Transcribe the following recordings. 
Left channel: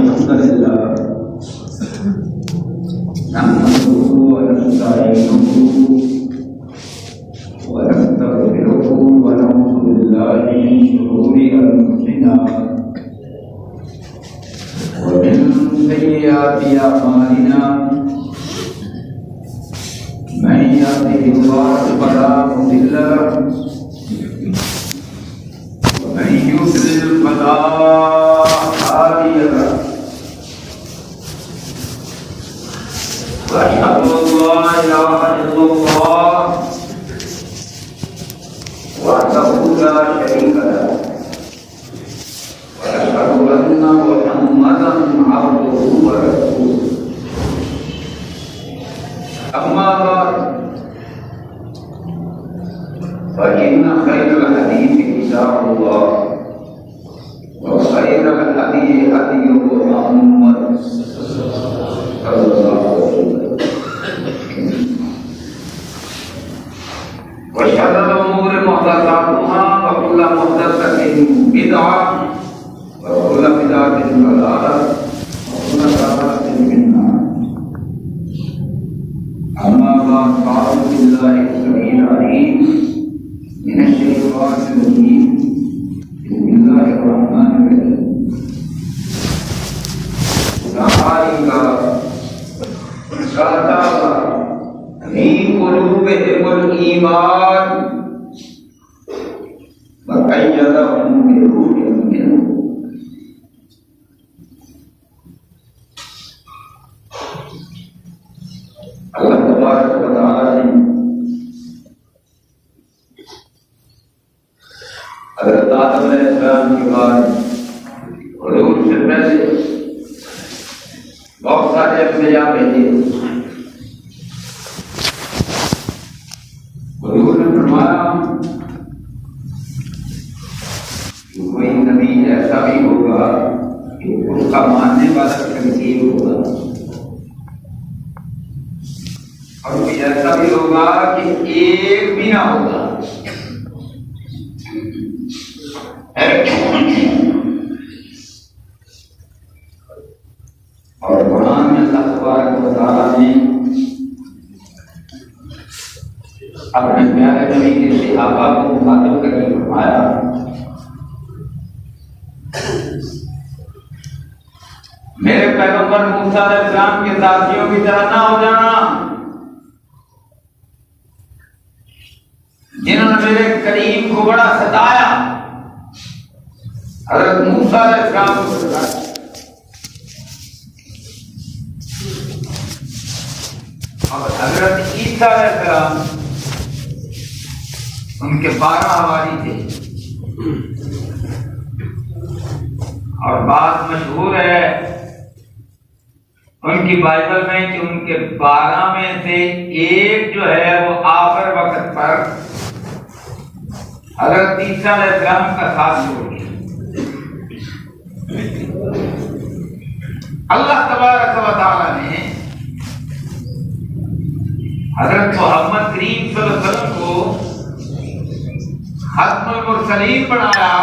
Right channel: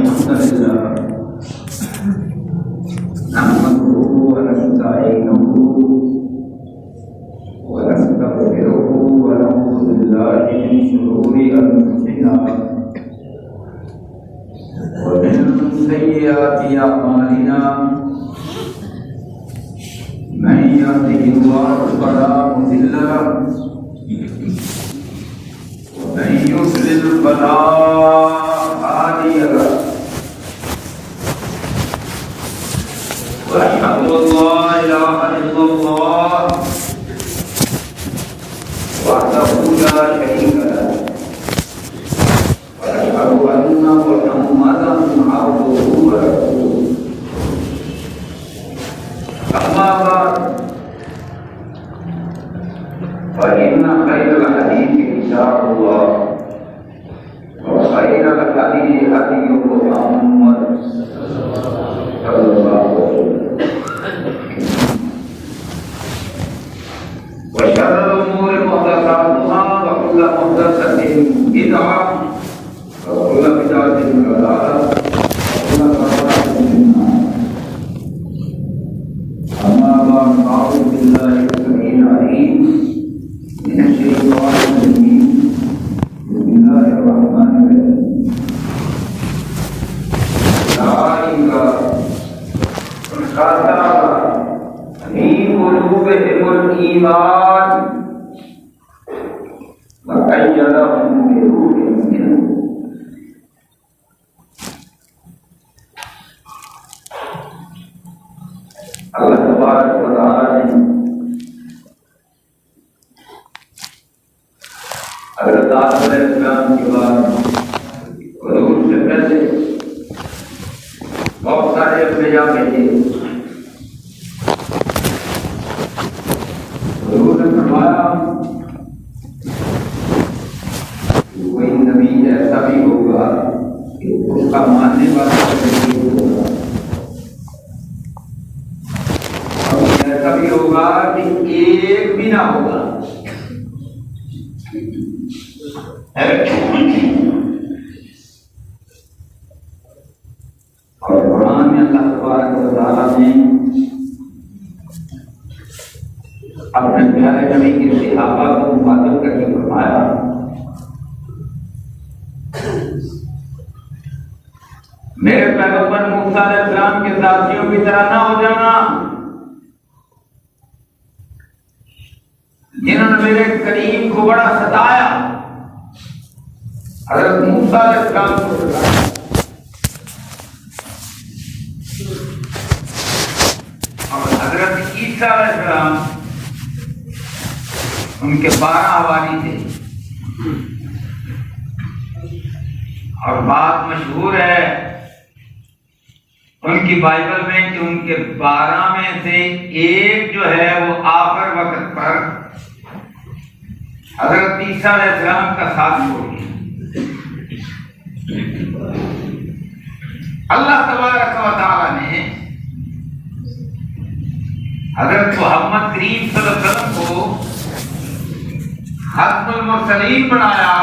الحمد لله نحمده ونستعينه ونستغفره ونعوذ بالله من شرور أنفسنا ومن سيئات أعمالنا من يهده الله فلا مضل له ومن يضلل فلا هادي له وأشهد أن لا إله إلا الله وحده لا شريك له وأشهد أن محمدا عبده ورسوله أما بعد فإن خير الحديث كتاب الله وخير الهدي هدي محمد صلى الله عليه وسلم وشر الأمور محدثاتها وكل محدثة بدعة وكل بدعة ضلالة وكل ضلالة في النار. أما بعد فأعوذ بالله السميع العليم من الشيطان الرجيم. بسم الله الرحمن الرحيم. أولئك كتب في قلوبهم الإيمان وأيدهم بروح منه. اللہ تبارک و تعالی نے حضرت آدم علیہ السلام کے بعد حضور سے پہلے بہت سارے انبیاء بھیجے. حضور نے فرمایا کہ کوئی نبی ایسا بھی ہوگا کہ اس کا ماننے والا نہیں ہوگا، ایسا بھی ہوگا کہ ایک بھی نہ ہوگا. اور قرآن میں اللہ تبارک و تعالیٰ نے اپنے پیارے نبی کے صحابہ کو مخاطب کر کے فرمایا میرے پیغمبر موسیٰ علیہ السلام کے ساتھیوں کی طرح نہ ہو جانا جنہوں نے میرے کریم کو بڑا ستایا. حضرت موسیٰ علیہ السلام کو ستایا اور حضرت عیسیٰ علیہ السلام ان کے 12 حواری تھے. اور بات مشہور ہے ان کی بائبل میں کہ ان کے 12 میں سے ایک جو ہے وہ آخر وقت پر حضرت عیسیٰ علیہ السلام کا ساتھ چھوڑ دیا. اللہ تبارک و تعالی نے حضرت محمد کریم صلی اللہ علیہ وسلم کو ختم المرسلین بنایا،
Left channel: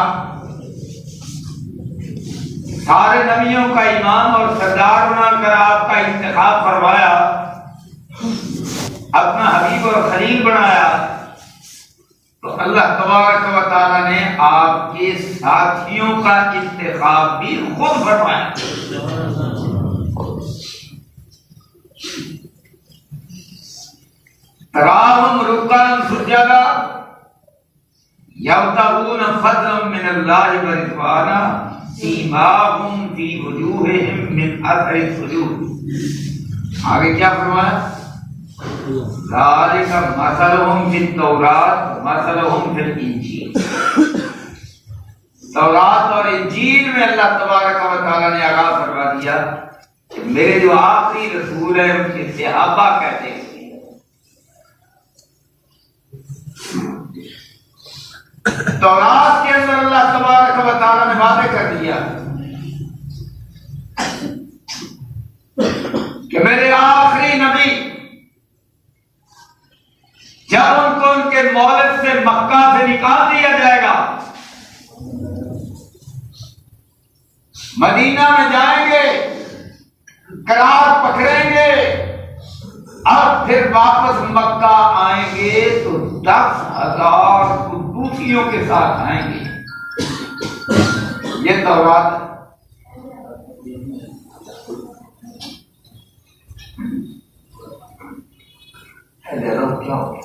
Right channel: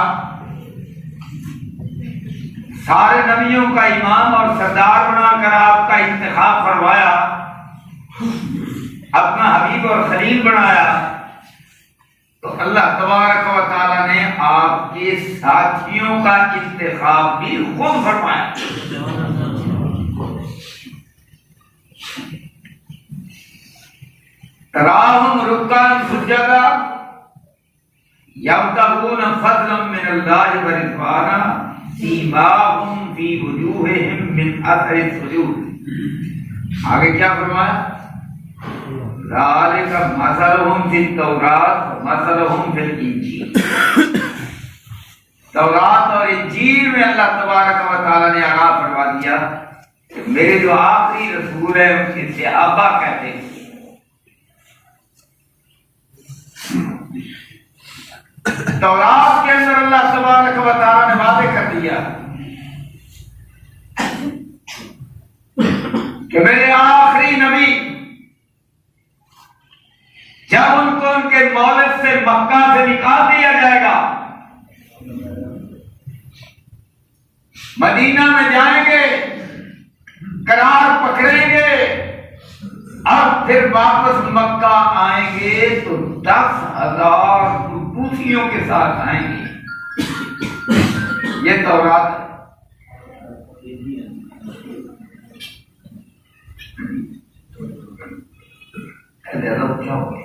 سارے نبیوں کا امام اور سردار بنا کر آپ کا انتخاب فرمایا، اپنا حبیب اور خلیل بنایا. تو اللہ تبارک و تعالی نے آپ کے ساتھیوں کا انتخاب بھی خود فرمایا. تراہم رکعا سجدا یبتغون فضلا من اللہ ورضوانا سیماہم فی وجوہہم من اثر السجود. آگے کیا فرمایا؟ ذالک مثلہم فی التوراۃ مثلہم فی الانجیل. تورات اور انجیل میں اللہ تبارک و تعالی نے آگاہ فرما دیا کہ میرے جو آخری رسول ہیں ان کے صحابہ کہتے ہیں. تورات کے اندر اللہ تبارک و تعالی نے وعدے کر دیا کہ میرے آخری نبی جب ان کو ان کے مولد سے مکہ سے نکال دیا جائے گا مدینہ میں جائیں گے، قرار پکڑیں گے، اور پھر واپس مکہ آئیں گے تو 10,000 قدوسیوں کے ساتھ آئیں گے۔ یہ تورات کیا ہو گیا؟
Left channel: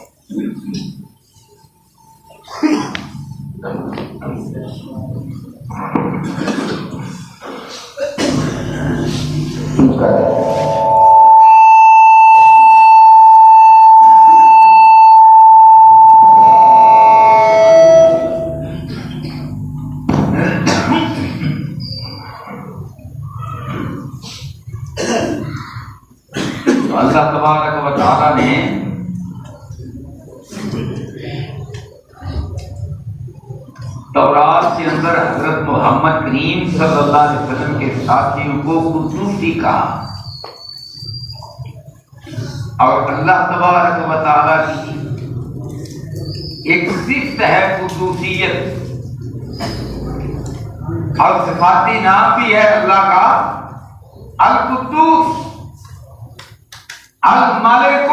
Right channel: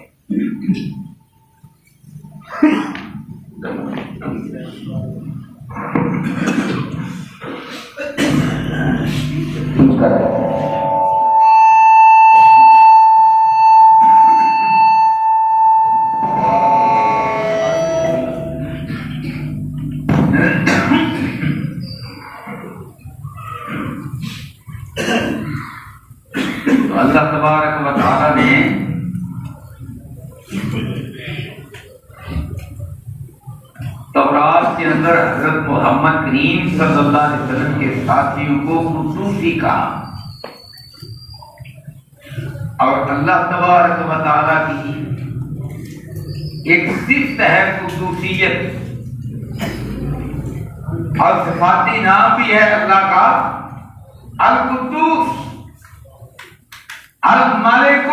اللہ تبارک و تعالی نے تورات کے اندر حضرت محمد کریم صلی اللہ علیہ وسلم کے ساتھیوں کو قدوسی کہا، اور اللہ تبارک و تعالی کی ایک صفت ہے قدوسیت، اور صفاتی نام بھی ہے اللہ کا القدوس، المالک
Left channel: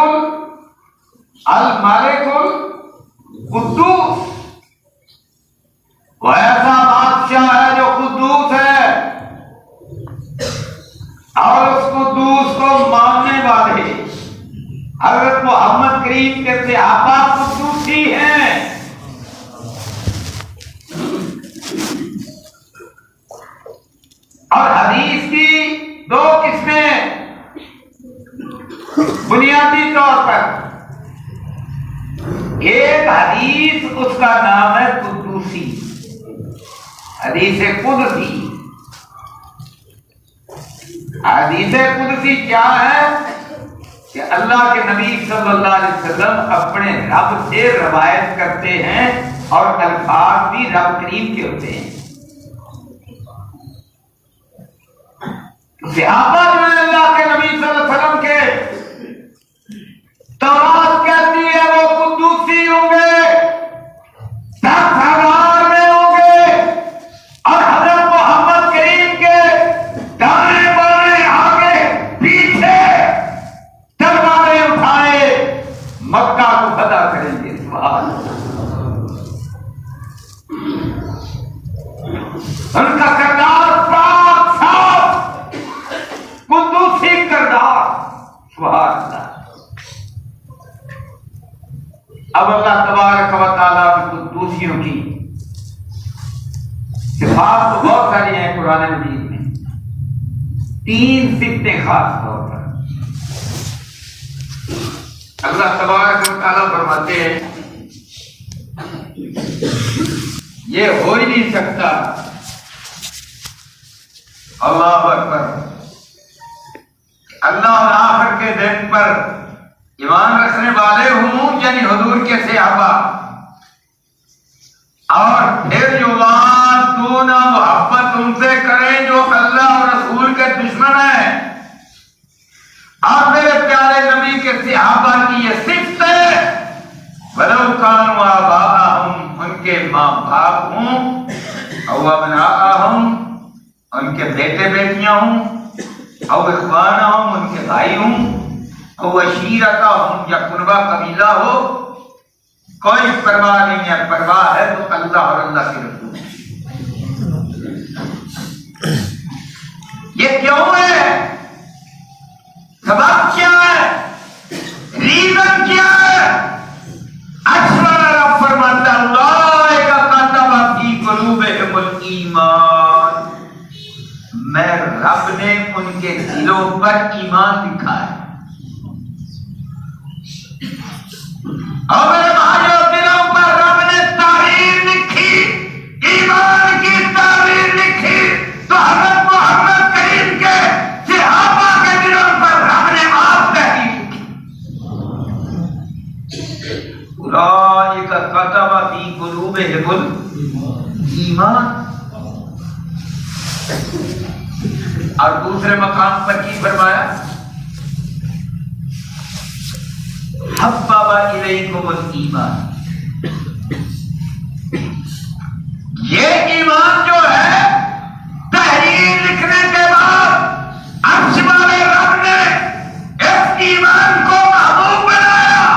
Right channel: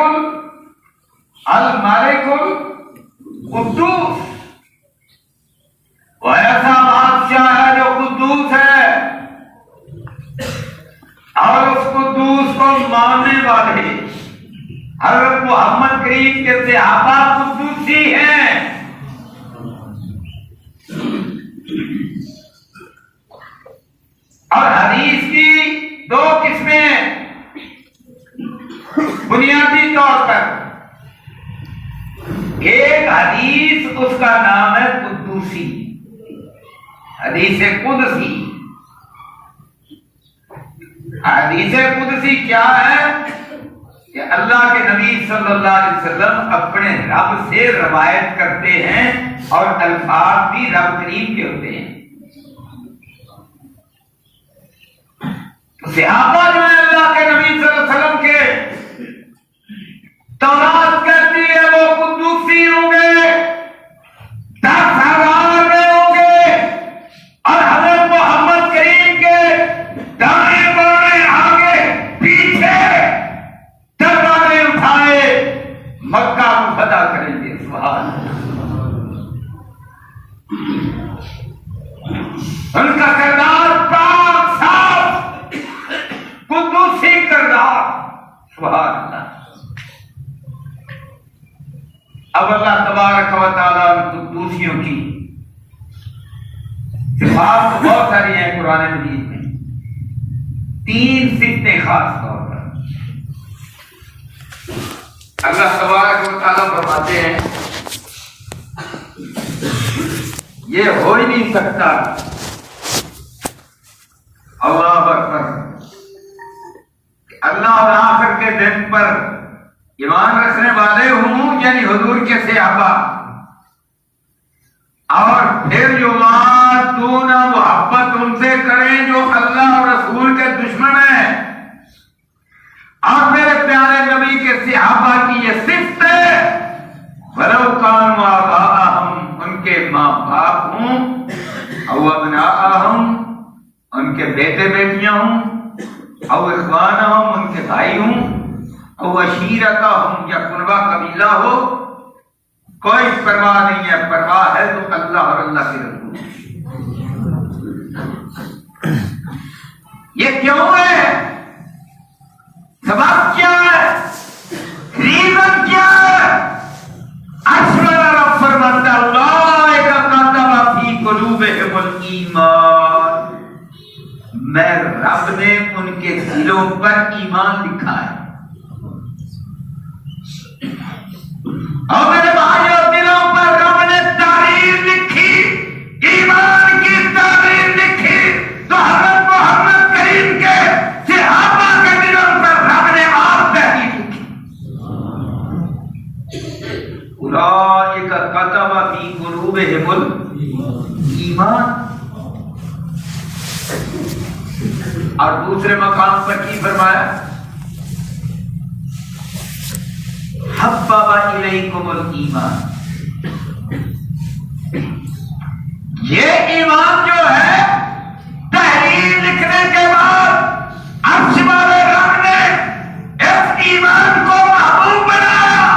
القدوس۔ وہ ایسا بادشاہ ہے جو قدوس ہے، اور اس قدوس کو ماننے والے حضرت محمد کریم کے صحابہ قدوسی ہیں۔ اور حدیث کی دو قسمیں بنیادی طور پر، ایک حدیث اس کا نام ہے قدوسی، حدیث قدسی۔ حدیث قدسی کیا ہے؟ کہ اللہ کے نبی صلی اللہ علیہ وسلم اپنے رب سے روایت کرتے ہیں، اور الفاظ بھی رب کریم کے ہوتے ہیں۔ صحابہ جو ہیں اللہ کے نبی صلی اللہ علیہ وسلم کے، تورات کہتی ہے وہ قدوسی ہوں گے، 10,000 میں ہوں گے، اور حضرت محمد کریم کے دائیں بائیں آگے پیچھے تلواریں اٹھائے مکہ کو فتح کریں گے۔ سبحان اللہ، ان کا کردار پاک صاف قدوسی کردار۔ سبحان اللہ۔ اب اللہ تبارک و تعالیٰ قدوسیوں کی صفات بہت ساری ہیں قرآن مجید میں، 3 صفتیں خاص طور پر اللہ تبارک و تعالیٰ فرماتے ہیں یہ ہو ہی نہیں سکتا۔ اللہ اکبر۔ اللہ اور آخر کے دن پر ایمان رکھنے والے ہوں، یعنی حضور کے صحابہ، اور پھر جو بات دونوں محبت ان سے کریں جو اللہ اور رسول کے دشمن ہیں، اور میرے پیارے نبی کے صحابہ کی یہ صفت ہے، وَلَوْ كَانُوا آبَاءَهُمْ، ان کے ماں باپ ہوں، او ابناءَهُمْ، ان کے بیٹے بیٹیاں ہوں، او اخوانہم، ان کے بھائی ہوں، او عشیرتہم، یا قربہ قبیلہ ہو، کوئی پرواہ نہیں ہے، پرواہ ہے تو اللہ اور اللہ کے رسول۔ یہ کیوں ہے؟ سبب کیا ہے؟ ریزن کیا ہے؟ اکثر رب فرماتا اولئک کتب فی قلوبہم الایمان، میں رب نے ان کے دلوں پر ایمان لکھا ہے۔ اور میرے بھائیوں، دلوں پر رب نے تحریر لکھی، ایمان کی تحریر لکھی، تو حضرت محمد کریم کے صحابہ کے دلوں پر رب نے آپ تحریر لکھی۔ اولئک کتب فی قلوبہم الایمان۔ اور دوسرے مقام پر کی فرمایا؟ حبب الیکم الایمان۔ یہ ایمان جو ہے تحریر تحریر لکھنے کے بعد عرش والے رب نے اس ایمان کو محبوب بنایا.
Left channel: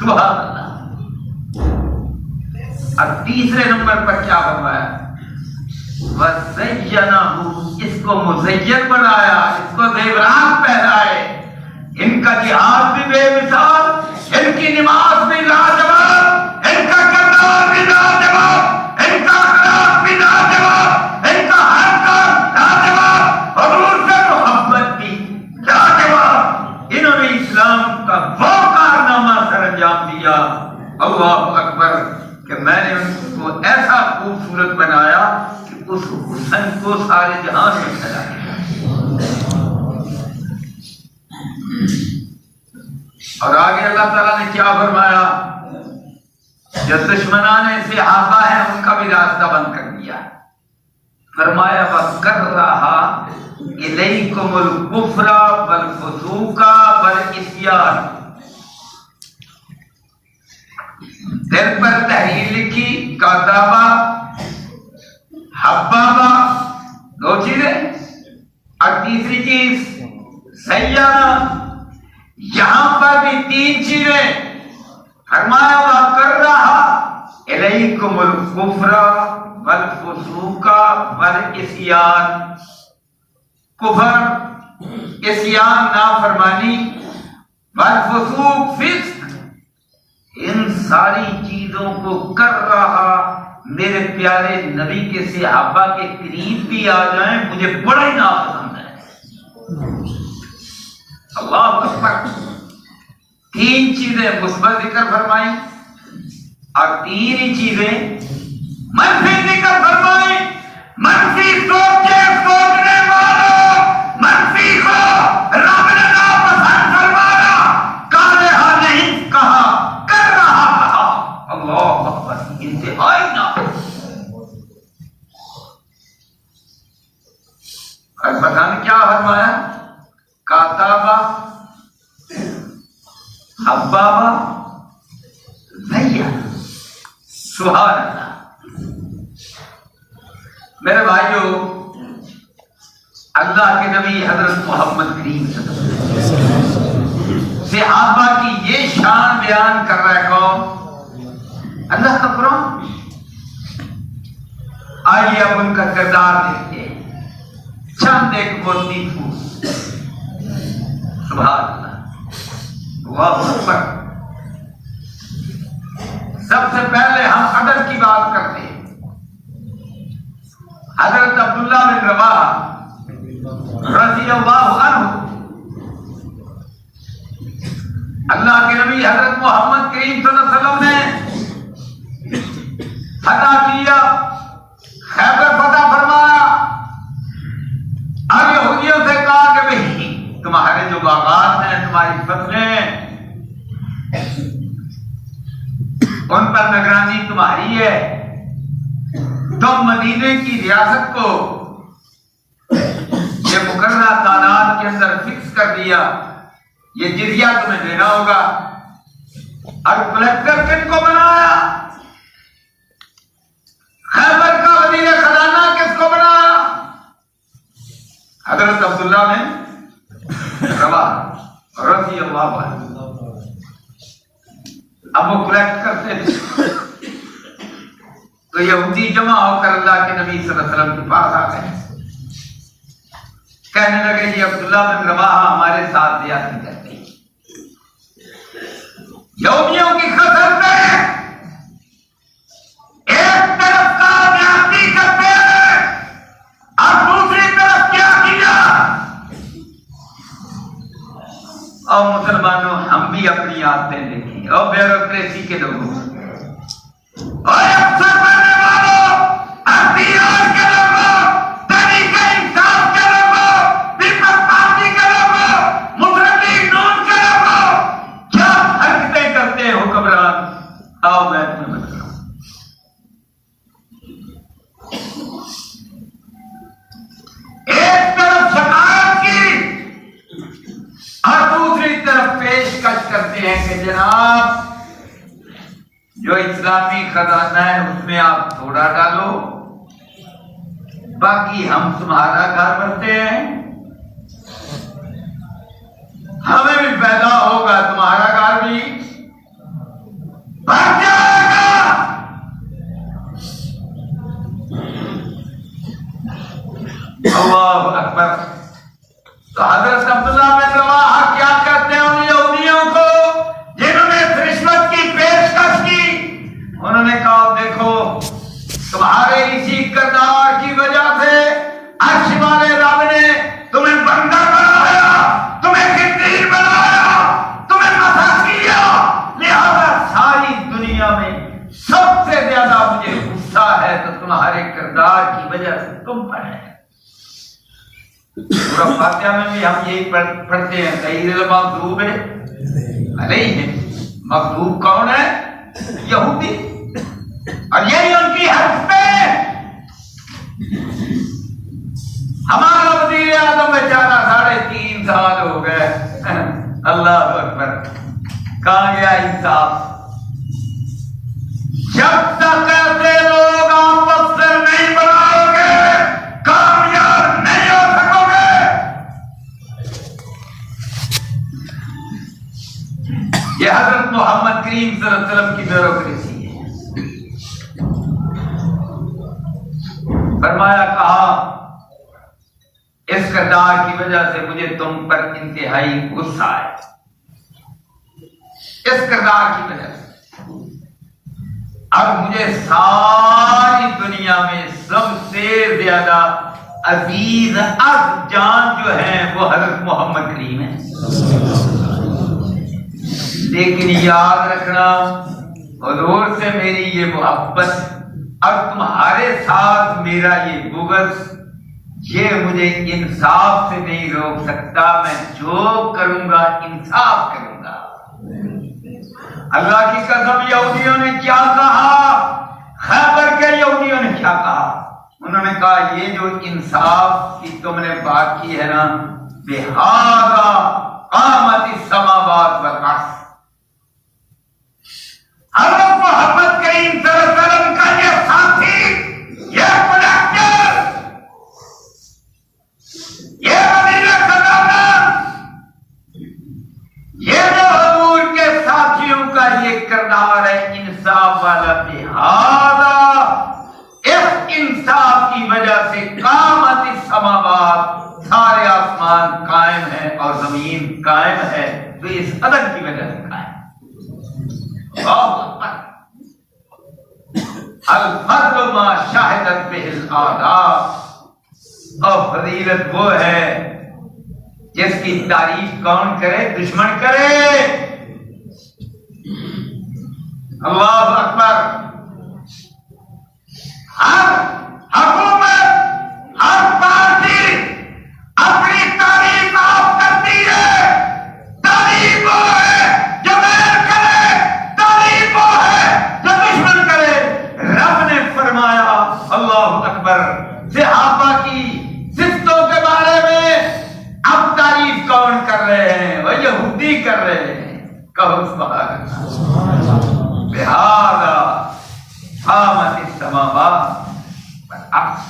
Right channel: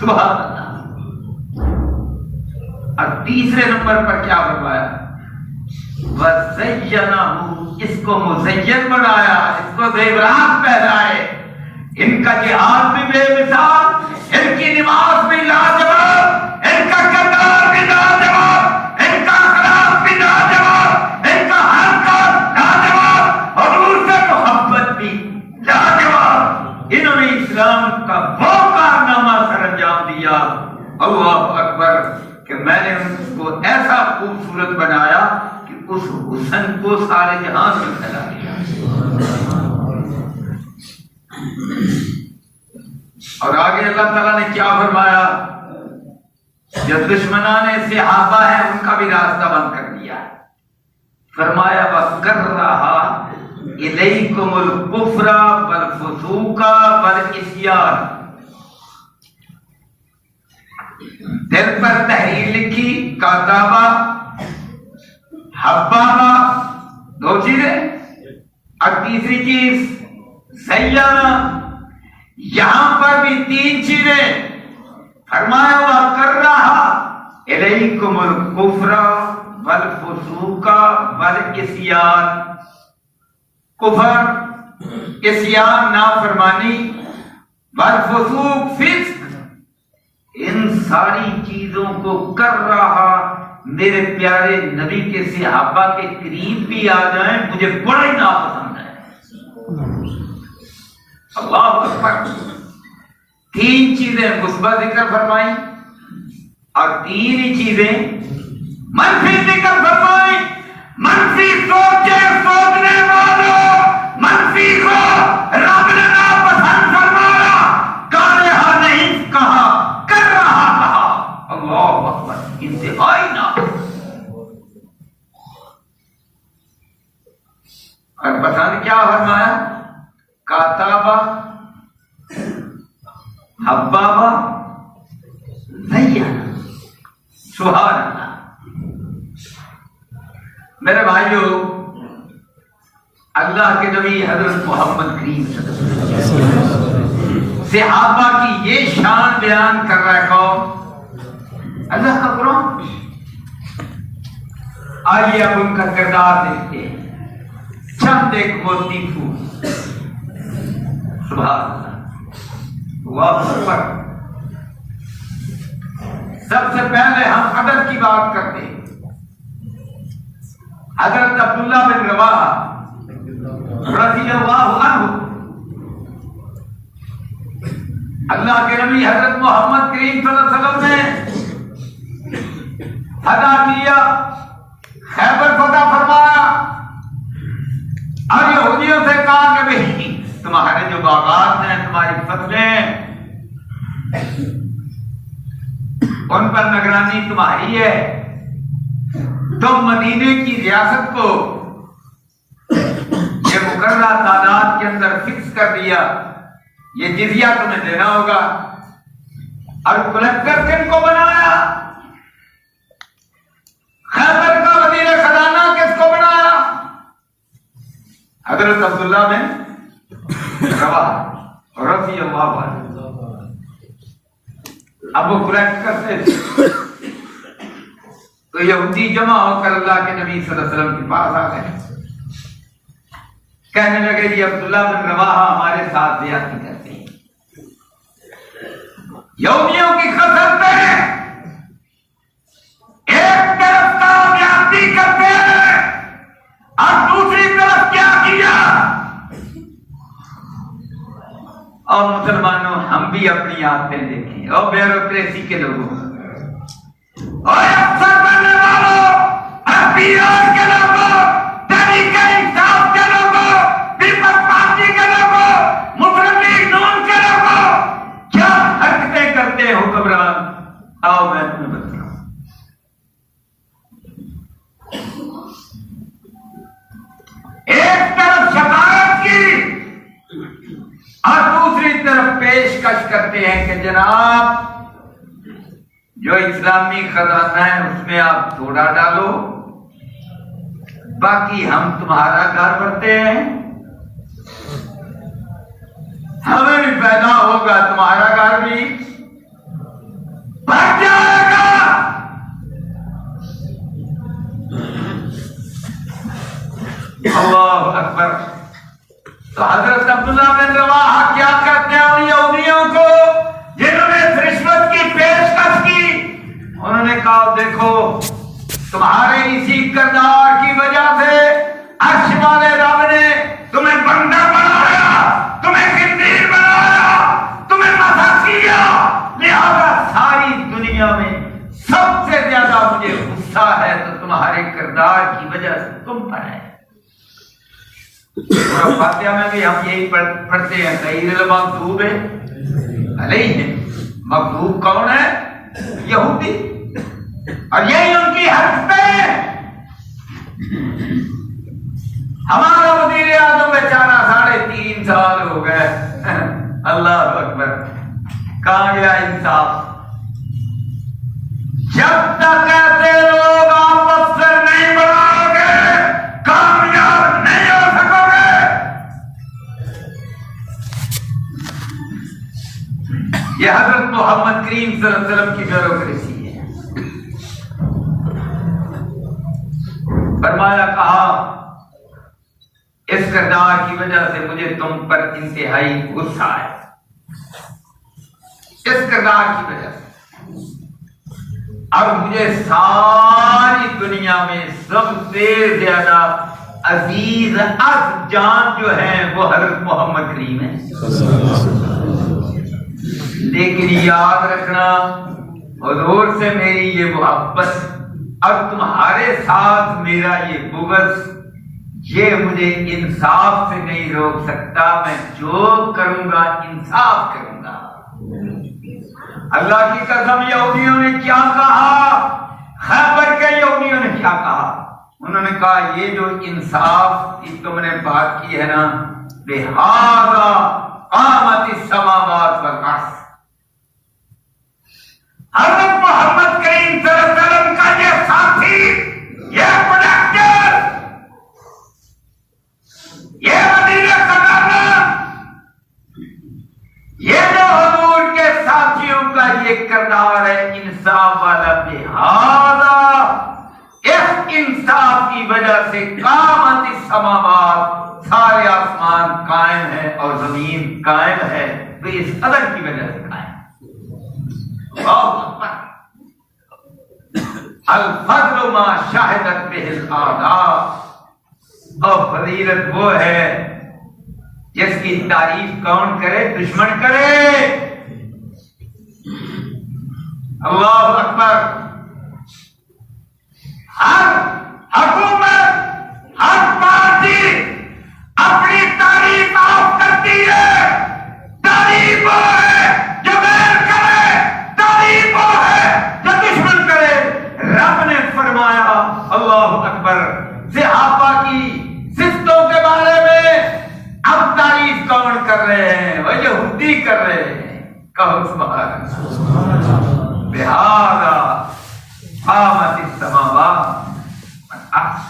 سبحان اللہ. اب تیسرے نمبر پر کیا فرمایا؟ وَزَيَّنَهُ، اس کو مزین بنایا، اس کو زیورات پہنائے. ان کا جہاد بھی بے مثال، ان کی نماز بھی لاجواب، ان کا کردار بھی لاجواب، ان کا اخلاق بھی لاجواب، ان کا ہر کام لاجواب، حضور سے محبت بھی لاجواب. انہوں نے اسلام کا وہ کارنامہ سر انجام دیا، اللہ اکبر، کہ میں نے ان کو ایسا خوبصورت بنایا کہ اس حسن کو سارے جہاں سے پھیلا دیا. اور آگے اللہ تعالیٰ نے کیا فرمایا؟ جو دشمنان صحابہ ہیں ان کا بھی راستہ بند کر دیا. فرمایا وَكَرَّهَ إِلَيْكُمُ الْكُفْرَ وَالْفُسُوقَ وَالْعِصْيَانَ. دل پر تحریر لکھی، کاتابہ، حبابہ، دو چیزیں. اور تیسری چیز سیاح، یہاں پر بھی تین چیزیں. فرمایا وَكَرَّهَ إِلَيْكُمُ الْكُفْرَ وَالْفُسُوقَ وَالْعِصْيَانَ. کفر، عصیان نافرمانی، والفسوق فسق، ان ساری چیزوں کو کر رہا. میرے پیارے نبی کے صحابہ کے قریب بھی آ جائیں مجھے بڑا ہی ناپسند ہے. اللہ اکبر. تین چیزیں مثبت ذکر فرمائی اور تین ہی چیزیں منفی ذکر فرمائی. منفی سوچنے والوں، منفی کو رب نے ناپسند فرمایا، کارہا نہیں کہا، کر رہا کہا. اللہ اکبر. انتہائی ناپسند. اور پتہ نہیں کیا فرمایا؟ کاتابہ، حبابہ، زیّنہ. سبحان اللہ. میرے بھائیو، اللہ کے نبی حضرت محمد کریم صحابہ کی یہ شان بیان کر رہا ہے. کون؟ اللہ کا قرآن. آئیے اب ان کا کردار دیکھتے ہیں. چند ایک موتی پھول. سبحان اللہ. اللہ اکبر. سب سے پہلے ہم ادب کی بات کرتے ہیں. حضرت عبداللہ بن رواحہ رضی اللہ عنہ، اللہ کے نبی حضرت محمد کریم صلی اللہ علیہ وسلم نے فتح کیا، خیبر فتح فرمایا، اور یہودیوں سے کہا کہ بھئی تمہارے جو باغات ہیں، تمہاری فصلیں، ان پر نگرانی تمہاری ہے. تم مدینے کی ریاست کو یہ مقررہ تعداد کے اندر فکس کر دیا، یہ جزیہ تمہیں دینا ہوگا. اور کلیکٹر کن کو بنایا؟ خیبر کا وزیر خزانہ کس کو بنایا؟ حضرت عبداللہ بن رواحہ رضی اللہ عنہ. اب وہ کلیکٹ کرتے تھے تو یہودی جمع ہو کر اللہ کے نبی صلی اللہ علیہ وسلم کے پاس آ گئے. کہنے لگے یہ عبداللہ بن رواحہ ہمارے ساتھ زیادتی کرتے ہیں، یہودیوں کی خسر پہ ایک طرف کا زیادتی کرتے ہیں اور دوسری طرف کیا کیا. اور مسلمانوں ہم بھی اپنی عادتیں دیکھیں. اور بیوروکریسی کے لوگوں اور افسر بننے والوں، اختیار کے لوگوں، طریقہ انصاف کے لوگوں، پیپلز پارٹی کے لوگوں، مسلم لیگ نون کے لوگوں، کیا حرکتیں کرتے ہو حکمران؟ آؤ میں تمہیں بتاؤں. ایک طرف شکایت کی اور دوسری طرف پیشکش کرتے ہیں کہ جناب جو اسلامی خزانہ ہے اس میں آپ تھوڑا ڈالو، باقی ہم تمہارا گھر بنتے ہیں، ہمیں بھی پیدا ہوگا تمہارا گھر بھی بن جائے گا۔ اللہ اکبر۔ تو حضرت عبداللہ بن رواحہ کیا کرتے ہیں ان یہودیوں کو جنہوں نے رشوت کی پیشکش کی؟ انہوں نے کہا دیکھو تمہارے اسی کردار کی وجہ سے عرش والے رب نے تمہیں بندہ بنایا، تمہیں خنزیر بنایا، تمہیں نفع کیا، لہذا ساری دنیا میں سب سے زیادہ مجھے غصہ ہے تو تمہارے کردار کی وجہ سے تم پر ہے۔ فاتحہ میں بھی ہم یہی پڑھتے ہیں غیر المغضوب علیہم، مغضوب کون ہے؟ یہودی، اور یہی ان کی حق پہ ہمارا وزیر اعظم بیچارہ 3.5 سال ہو گئے، اللہ اکبر، کہاں گیا انصاف؟ جب تک ایسے لوگ آپس سے نہیں بناؤ گے کامیاب نہیں ہو سکو گے۔ یہ حضرت محمد کریم صلی اللہ علیہ وسلم کی بیوروکریسی ہے۔ فرمایا کہا اس کردار کی وجہ سے مجھے تم پر انتہائی غصہ ہے، اس کردار کی وجہ سے۔ اب مجھے ساری دنیا میں سب سے زیادہ عزیز از جان جو ہیں وہ حضرت محمد کریم ہیں، لیکن یاد رکھنا حضور سے میری یہ محبت اور تمہارے ساتھ میرا یہ بغض یہ مجھے انصاف سے نہیں روک سکتا، میں جو کروں گا انصاف کروں گا۔ اللہ کی قسم یہودیوں نے کیا کہا، خیبر کے یہودیوں نے کیا کہا؟ انہوں نے کہا یہ جو انصاف کی تم نے بات کی ہے نا، بہذا قامت السماوات والارض، حضرت محمد کریم صلی اللہ علیہ وسلم کا یہ ساتھی، یہ پروڈکٹر، یہ وزیر قدر، یہ جو حضور کے ساتھیوں کا یہ کردار ہے انصاف والا، لہذا اس انصاف کی وجہ سے قامت السماوات، سارے آسمان قائم ہے اور زمین قائم ہے، تو اس عدد کی وجہ سے قائم۔ الفضل ما شاہدت بہ الاعداء، اور فضیلت وہ ہے جس کی تعریف کون کرے؟ دشمن کرے۔ اللہ اکبر۔ ہر حکومت، ہر پارٹی اپنی تعریف آپ کرتی ہے، تعریف وہ ہے جو میل کرے، تعریف وہ ہے جو دشمن کرے۔ رب نے فرمایا اللہ اکبر، صحابہ کی صفتوں کے بارے میں اب تعریف کون کر رہے ہیں؟ وہ یہودی کر رہے ہیں، کہو سبحان اللہ۔ لہذا قامت السماوات والارض۔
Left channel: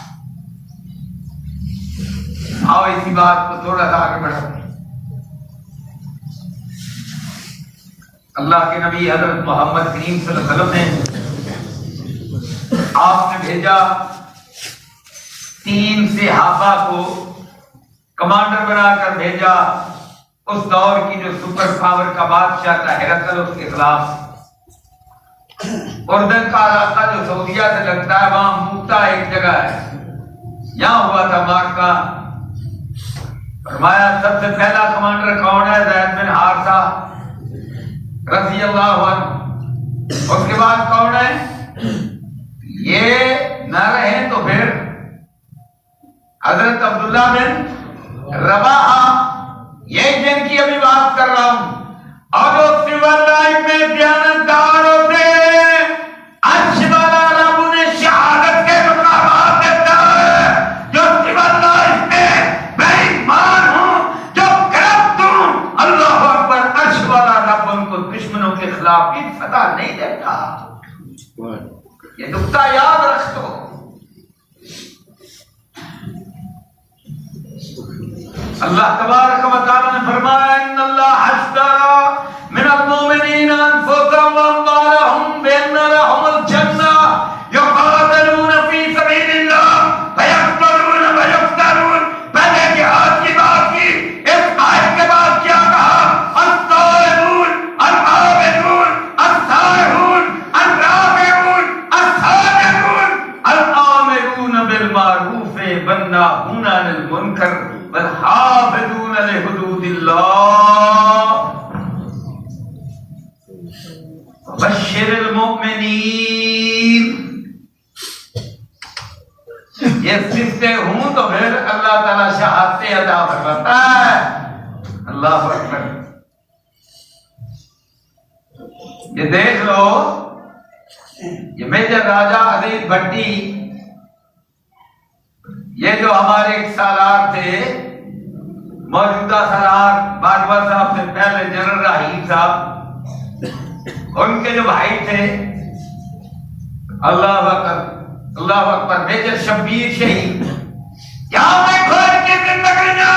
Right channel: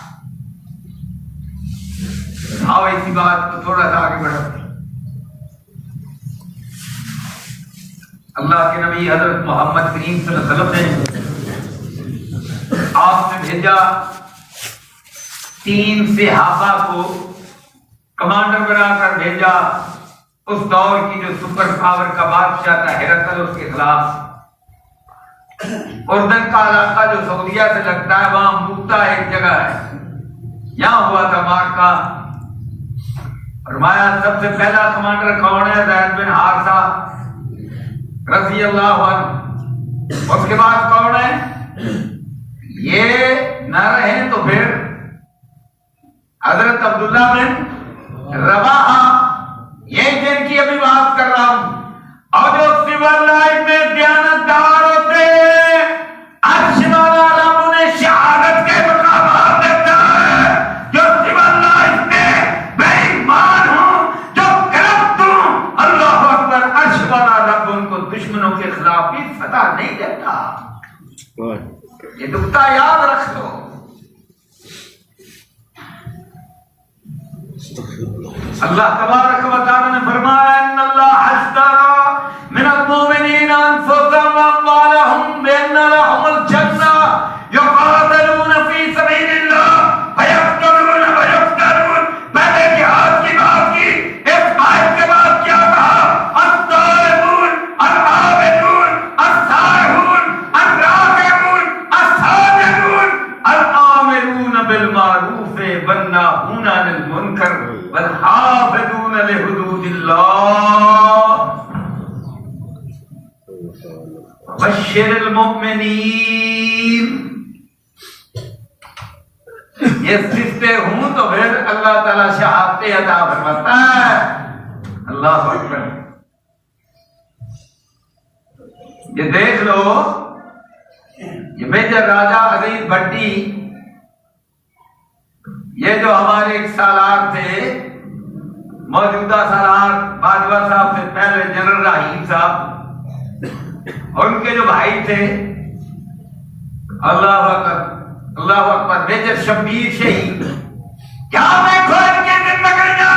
آؤ اسی بات کو تھوڑا سا آگے بڑھاتے ہیں۔ اللہ کے نبی حضرت محمد کریم صلی اللہ علیہ وسلم نے آپ نے بھیجا 3 صحابہ کو کمانڈر بنا کر بھیجا، اس دور کی جو سپر پاور کا بادشاہ تھا ہرقل، اس کے خلاف۔ اردن کا علاقہ جو سعودیہ سے لگتا ہے، وہاں موتا ایک جگہ ہے، یہاں ہوا تھا معرکہ۔ فرمایا سب سے پہلا کمانڈر کون ہے؟ زید بن حارثہ رضی اللہ عنہ۔ اس کے بعد کون ہے؟ یہ نہ رہے تو پھر حضرت عبداللہ بن رواحہ، یہ جن کی ابھی بات کر رہا ہوں۔ اور جو سول لائف میں دیانتدار ہوتے ہیں، عرش والا رب انہیں شہادت کے مقامات دیتا ہے۔ جو سول لائف میں بے ایمان ہوں، جو کرپٹ ہوں، اللہ اکبر، عرش والا رب ان کو دشمنوں کے خلاف بھی فتح نہیں دیتا۔ یہ نقطہ یاد رکھ دو۔ اللہ تبارک و تعالی نے فرمایا ان اللہ اشترى من المؤمنین انفسهم واموالهم بان لهم الجنہ یقاتلون فی سبیل اللہ فیقتلون ویقتلون. پہلے جہاد کی بات کی، اس آیت کے بعد کیا کہا؟ الطالبون العابدون السائحون الراکعون الساجدون الآمرون بالمعروف والناہون عن المنکر والحافظون لحدود اللہ بشر المؤمنین. یہ صفتیں ہوں تو پھر اللہ تعالیٰ شہادتیں عطا فرماتا ہے. اللہ اکبر. یہ دیکھ لو، یہ میجر راجہ عزیز بھٹی، یہ جو ہمارے ایک سالار تھے، موجودہ سالار باجوہ صاحب سے پہلے جنرل رحیم صاحب، اور ان کے جو بھائی تھے، اللہ اکبر اللہ اکبر، میجر شبیر شہید. کیا دیکھو ان کی زندگیاں،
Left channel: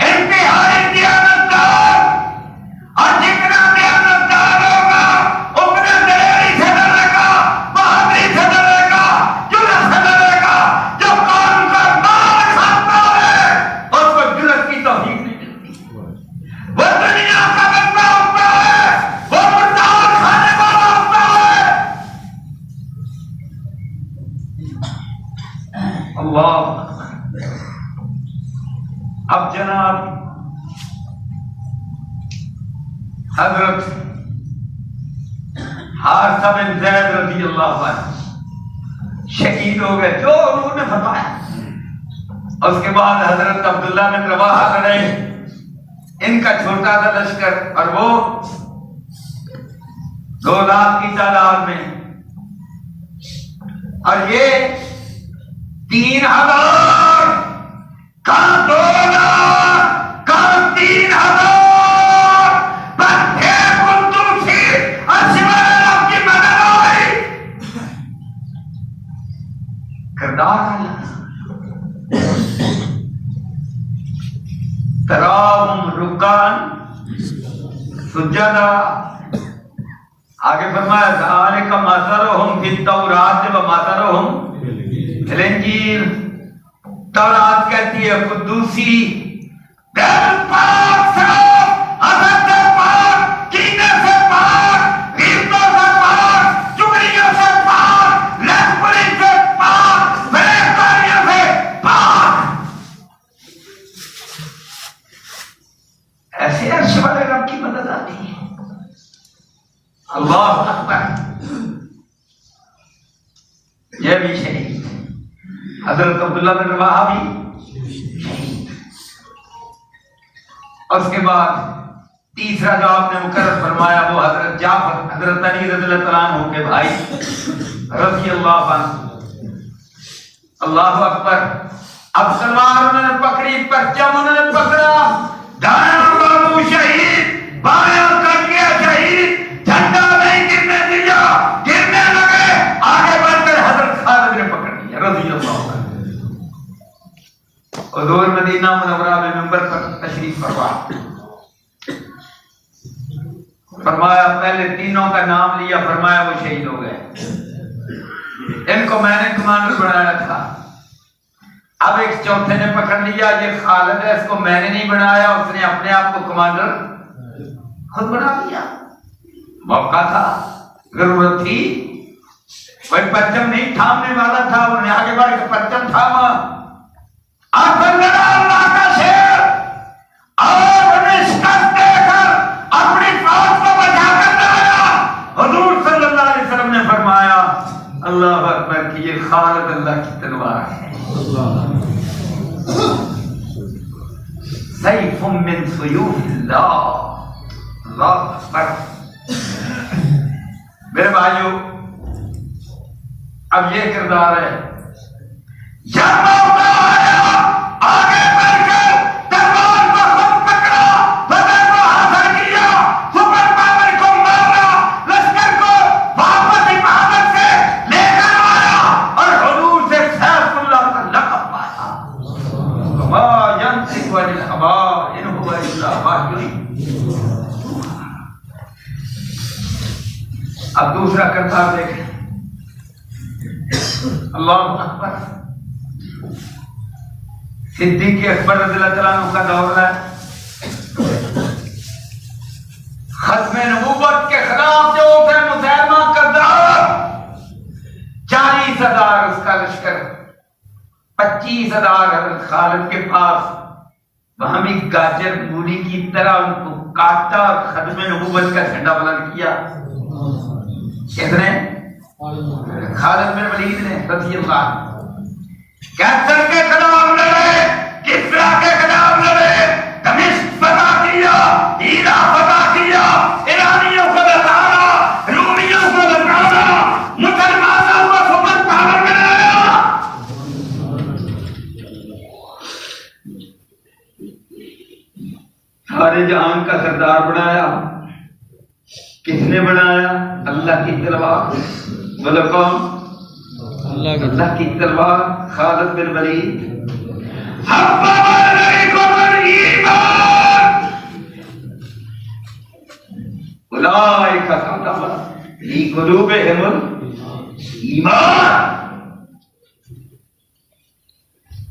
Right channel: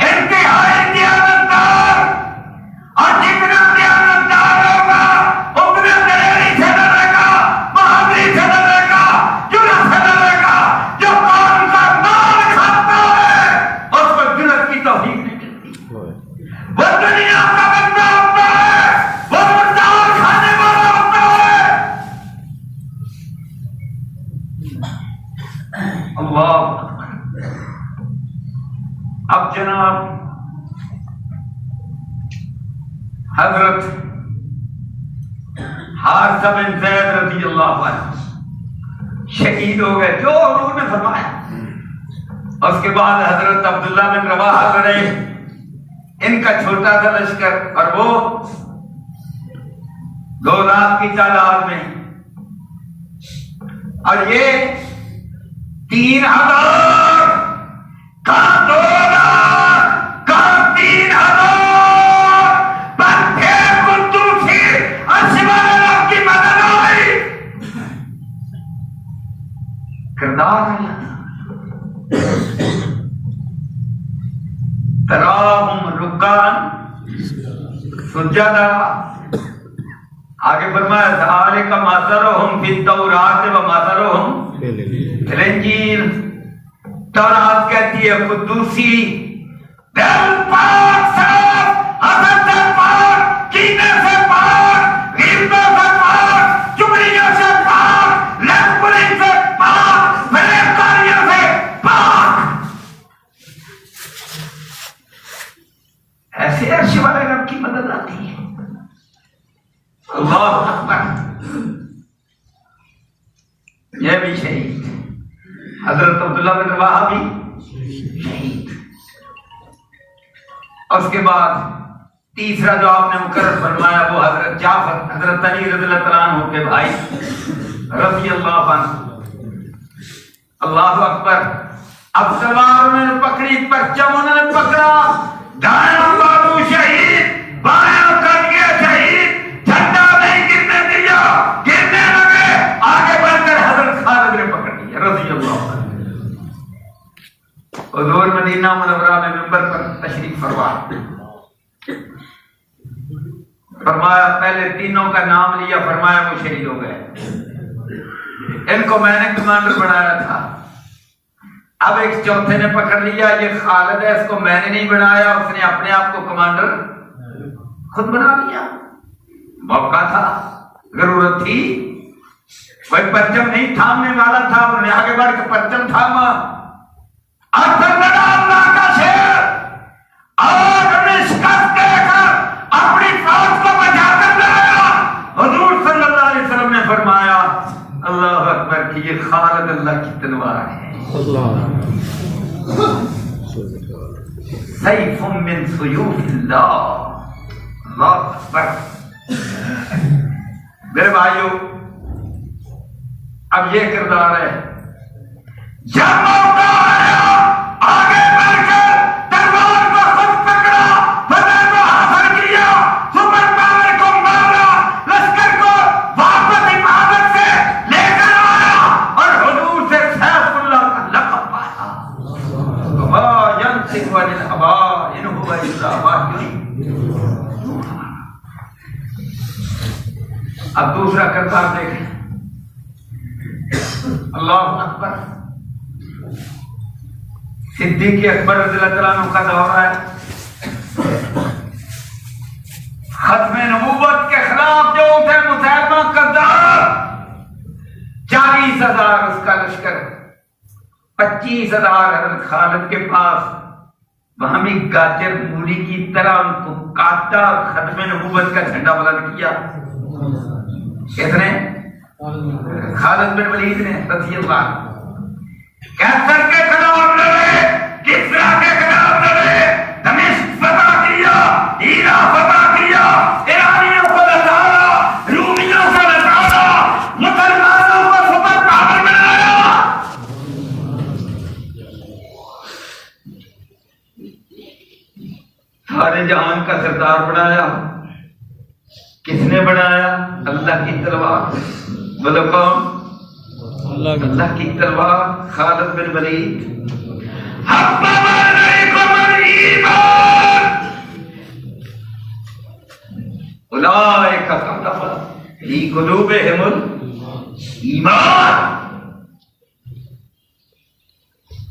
انتہائی دیانتدار، اور جتنا دیانتدار ہوگا اتنا دلیری سے ڈرے گا، بہادری سے ڈرے گا، جرأت سے ڈرے گا. جو قوم کا مال کھاتا ہے اس کو جرأت کی توفیق نہیں ملتی. وہ دنیا کا بندہ ہوتا ہے، وہ مردار کھانے والا ہوتا ہے. اللہ. اب جناب حضرت حارثہ بن زید رضی اللہ عنہ شہید ہو گئے جو انہوں نے فرمایا. اس کے بعد حضرت عبداللہ بن رواحہ لڑے، ان کا چھوٹا تھا لشکر، اور وہ 2 لاکھ کی تعداد میں، اور یہ 3000 کا 2 لاکھ کا 3000 بچے قدوسی اشوال کی مدد آئی. کردار ہے تراہم رکان سجدہ. آگے فرمایا ذالک مثلہم فی التوراۃ و مثلہم فی الانجیل. تورات کہتی ہے قدوسی، دل پاک صاف، حسد سے پاک، کینے سے پاک، غیبتوں سے پاک، چغلیوں سے پاک، لہپلی سے پاک، فریبکاریوں سے پاک. ایسے عرش والے رب کی مدد آتی ہے. اللہ اکبر. یہ بھی شہید، حضرت عبداللہ بن رواحہ بھی شہید. اس کے بعد تیسرا جو آپ نے مقرر فرمایا وہ حضرت جعفر، حضرت علی رضی اللہ تعالیٰ عنہ کے بھائی رضی اللہ عنہ. اللہ اکبر. اب تلوار انہوں نے پکڑی، پرچم انہوں نے پکڑا، دایاں بازو شہید، بایاں کنگے شہید، جھنڈا نہیں گرنے دیا، گرنے لگے، آگے بڑھ کر حضرت خالد نے پکڑ لیا رضی اللہ عنہ. حضور مدینہ منورہ میں منبر پر تشریف فرما، فرمایا پہلے تینوں کا نام لیا، فرمایا وہ شہید ہو گئے. ان کو میں نے کمانڈر بنایا تھا، اب ایک چوتھے نے پکڑ لیا، یہ خالد ہے، اس کو میں نے نہیں بنایا، اس نے اپنے آپ کو کمانڈر خود بنا لیا. موقع تھا، ضرورت تھی، کوئی پرچم نہیں تھامنے والا تھا، انہوں نے آگے بڑھ کے پرچم تھاما. لڑا اللہ کا شیر، اور شکست دے کر اپنی فوج کو بچا کر لایا. حضور صلی اللہ علیہ وسلم نے فرمایا اللہ اکبر کہ یہ خالد اللہ کی تلوار ہے، سیف من سیوف اللہ. اللہ اکبر. میرے بھائیو، اب یہ کردار ہے، جب موقع آیا آگے بڑھ کر تلوار کو خود پکڑا، فتح کو حاصل کیا، سپر پاور کو مارا، لشکر کو واپس حفاظت سے لے کر آیا، اور حضور سے سیف اللہ کا لقب پایا. وما ينطق عن الهوى إن هو إلا وحي. اب دوسرا کردار دیکھیں. اللہ اکبر. صدیق اکبر رضی اللہ تعالیٰ عنہ کا دور ہے. ختم نبوت کے خلاف جو تھے مسلمہ کذاب، 40,000 اس کا لشکر، 25,000 حضرت خالد کے پاس. وہاں بھی گاجر مولی کی طرح ان کو کاٹا اور ختم نبوت کا جھنڈا بلند کیا. کس نے؟ خالد بن ولید نے رضی اللہ عنہ. کیسر کے خلاف لڑے، کسرا کے خلاف لڑے، دمشق فتح کیا، ہیرا فتح کیا، ایرانیوں کو لٹایا، رومیوں کو لٹایا، مسلمانوں کو سپر پاور بنایا. سارے جہان کا سردار بنایا. کس نے بنایا؟ اللہ کی تلوار. بولو کون؟ اللہ کی تلوار. خالد بن ولید. حبب علیکم الایمان اولئک کتب فی قلوبہم الایمان.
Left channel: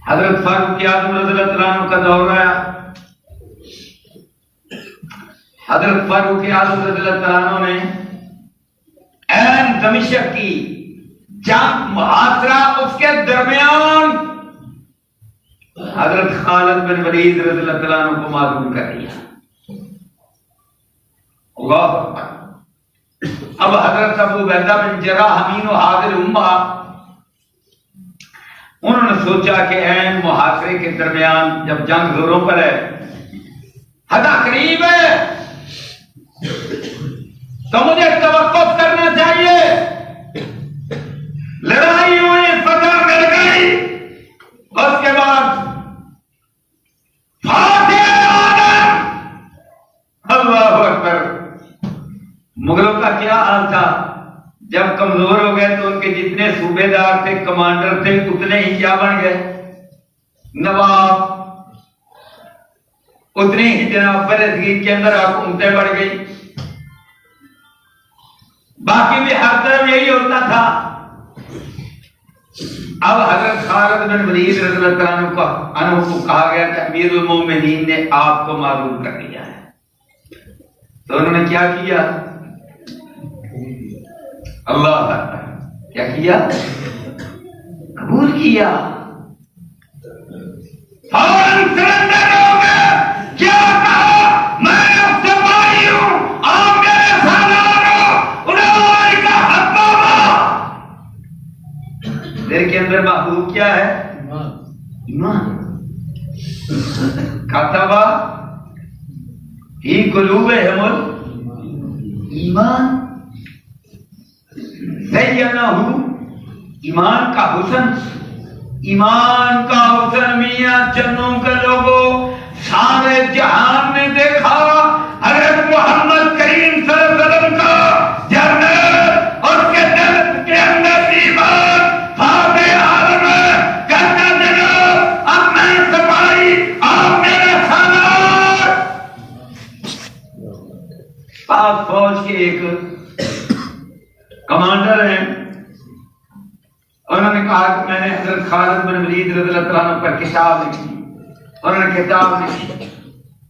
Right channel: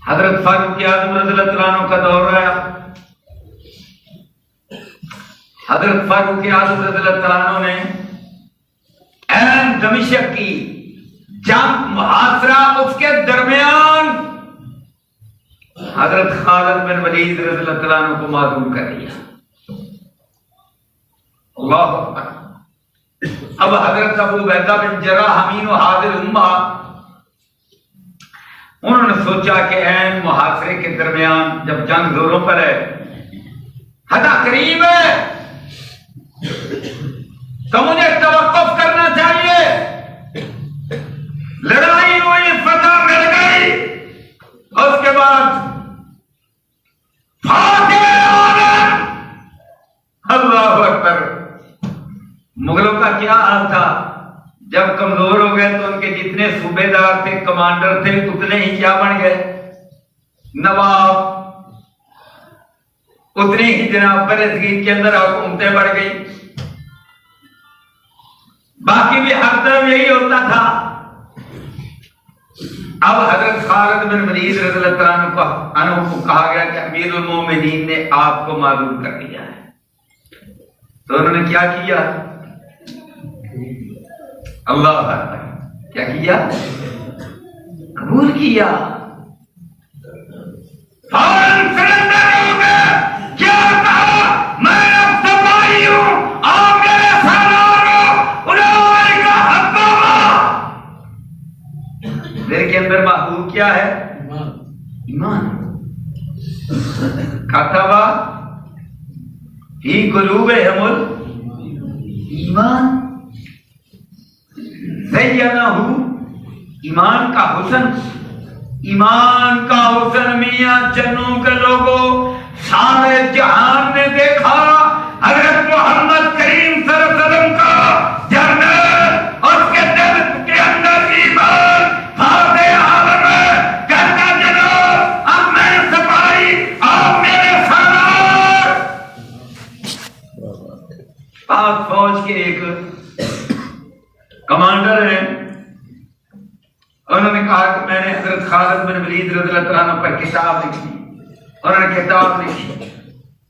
حضرت فاروق اعظم رضی اللہ عنہ کا دور آیا. حضرت فاروق اعظم رضی اللہ عنہ نے عین دمشق کی جنگ محاصرہ، اس کے درمیان حضرت خالد بن ولید رضی اللہ عنہ کو معذور کر دیا. اللہ اکبر. اب حضرت ابو عبیدہ بن جراح امین و حاضر امہ، انہوں نے سوچا کہ عین محاصرے کے درمیان جب جنگ زوروں پر ہے، حدا قریب ہے، تو مجھے توقف کرنا چاہیے. لڑائی ہوئی، فتح مل گئی، اس کے بعد فاتح عالم. اللہ اکبر. مغلوں کا کیا حال تھا؟ جب کمزور ہو گئے تو ان کے جتنے صوبے دار تھے، کمانڈر تھے، اتنے ہی کیا بن گئے؟ نواب. اتنے ہی جناب برصغیر کے اندر حکومتیں بڑھ گئی. باقی بھی ہر طرف یہی ہوتا تھا. اب حضرت خالد بن ولید رضی اللہ عنہ کو کہا گیا کہ امیر المومنین نے آپ کو معذور کر دیا ہے. تو انہوں نے کیا کیا؟ اللہ اکبر. کیا کیا؟ قبول کیا. فوراً سرنڈر ہو گئے. کیا کہا؟ میں اب صفائی ہوں، آپ میرے سالار ہو. اولئک حبب. دل کے اندر محبوب کیا ہے؟ ایمان. کتب فی قلوبہم الایمان. زینہ، ایمان کا حسن. ایمان کا حسن میاں جنوں کے لوگوں سارے جہان نے دیکھا. حضرت محمد کریم صلی اللہ علیہ وسلم کا جرنیل، اس کے دل کے اندر ایمان. فاتح عالم ہے، کہتا جناب اب میں سپاہی، آپ میرے سالار. پاک فوج کے ایک کمانڈر ہیں، انہوں نے کہا کہ میں نے حضرت خالد بن ولید رضی اللہ عنہ پر کتاب لکھی. انہوں نے کتاب لکھی،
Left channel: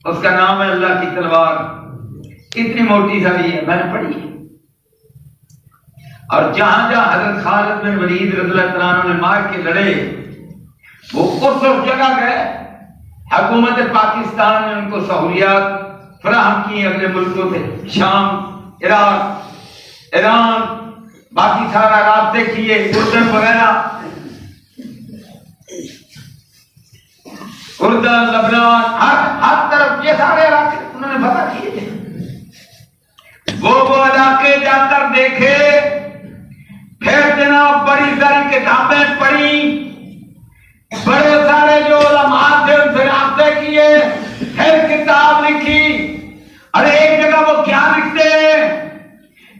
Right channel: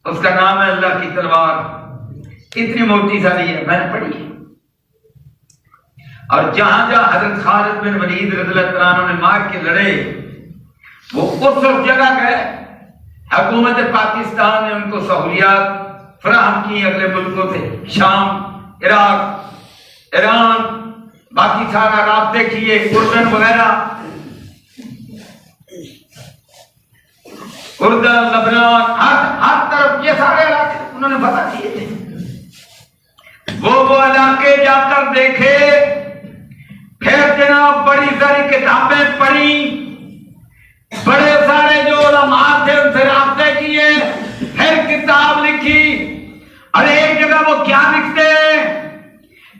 اس کا نام ہے اللہ کی تلوار. اتنی موٹی ساری ہے، میں نے پڑھی ہے. اور جہاں جہاں حضرت خالد بن ولید رضی اللہ عنہ نے مار کے لڑے، وہ اس جگہ گئے. حکومت پاکستان نے ان کو سہولیات فراہم کی اگلے ملکوں سے، شام، عراق، ایران، باقی سارا رابطے کیے، اردن وغیرہ، اردن، لبنان، ہر طرف یہ سارے علاقے انہوں نے فتح کیے تھے. وہ علاقے جا کر دیکھے، پھر جناب بڑی ساری کتابیں پڑھی، بڑے سارے جو علماء تھے ان سے رابطے کیے، پھر کتاب لکھی. اور ایک جگہ وہ کیا لکھتے ہیں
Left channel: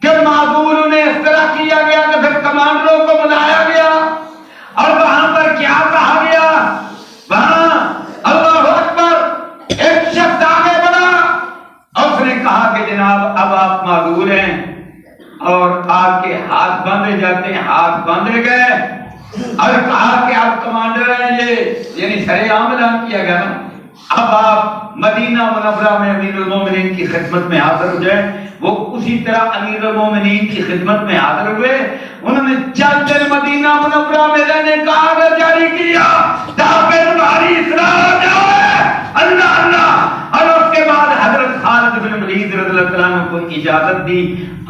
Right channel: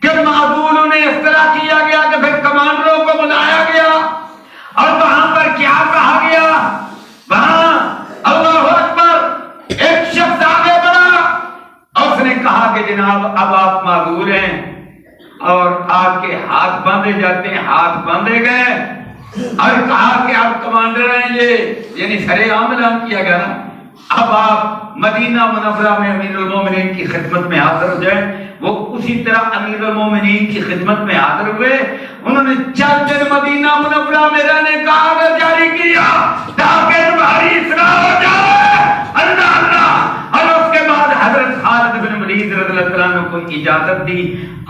کہ معذور انہیں اس طرح کیا گیا کہ پھر کمانڈروں کو بلایا گیا اور وہاں پر کیا کہا گیا؟ وہاں کہ جناب اب آپ معذور ہیں اور آپ کے ہاتھ باندھے جاتے ہیں، ہاتھ باندھے گئے، اور کہا کہ آپ کمانڈر ہیں، یہ یعنی سر عام اعلان کیا گیا نا، اب آپ مدینہ منورہ میں امیر المومنین کی خدمت میں حاضر ہو جائیں۔ وہ اسی طرح امیر المومنین کی خدمت میں حاضر ہوئے، انہوں نے چند دن مدینہ منورہ میں رہنے کا آرڈر جاری کیا تاکہ تمہاری اصلاح ہو جائے، اللہ اللہ، اور اس کے بعد حضرت خالد بن ولید رضی اللہ عنہ کو اجازت دی،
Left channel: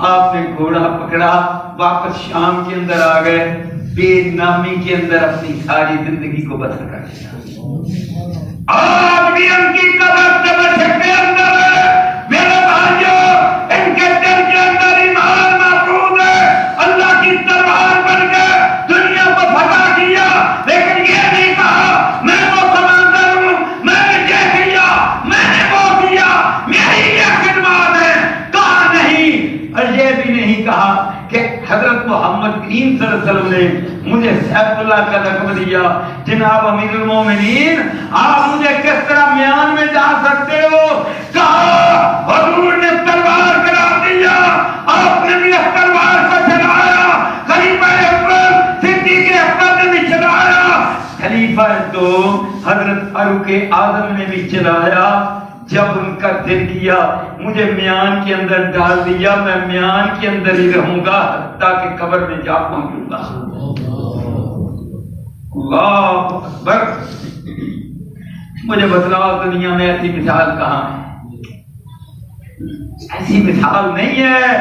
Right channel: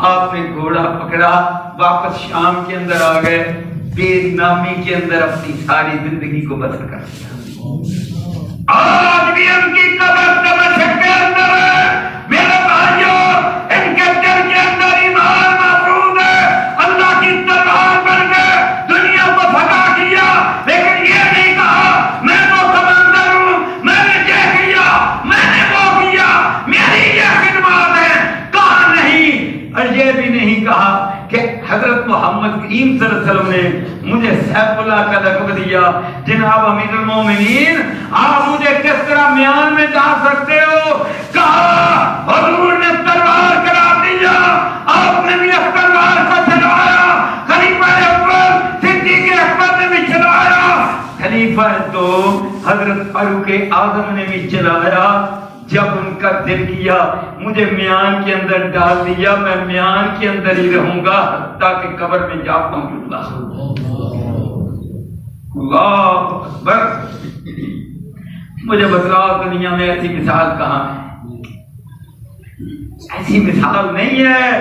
آپ نے گھوڑا پکڑا، واپس شام کے اندر آ گئے، بے نامی کے اندر اپنی ساری زندگی کو بسر کر دیا۔ آج بھی ان کی قبر دمشق کے اندر ہے میرے بھائیوں، ان کے دل کے اندر ایمان محفوظ ہے، اللہ کی تلوار بن کے دنیا کو پھٹا کیا، لیکن یہ نہیں کہا میں تو کمانڈر ہوں، میں نے یہ کیا، میں نے وہ کیا، میری یہ خدمات ہے، کہا نہیں، اور یہ بھی نہیں کہا کہ حضرت محمد کریم صلی اللہ علیہ وسلم نے مجھے سیف اللہ کا لقب دیا، جناب امیر المومنین آپ مجھے کس طرح میان میں جا سکتے ہو؟ کہا حضور نے تلوار کرا دیا، آپ نے بھی اس تلوار کو چلایا، خلیفہ اول صدیق اکبر نے بھی چلایا، خلیفہ تو حضرت فاروق اعظم نے بھی چلایا۔ جب ان کا دل کیا مجھے میان کے اندر ڈال دیا، میں میان کے اندر ہی رہوں گا حتیٰ کہ قبر میں جا پہنچوں گا۔ اللہ اکبر، مجھے بتلاؤ دنیا میں ایسی مثال کہاں ہے؟ ایسی مثال نہیں ہے،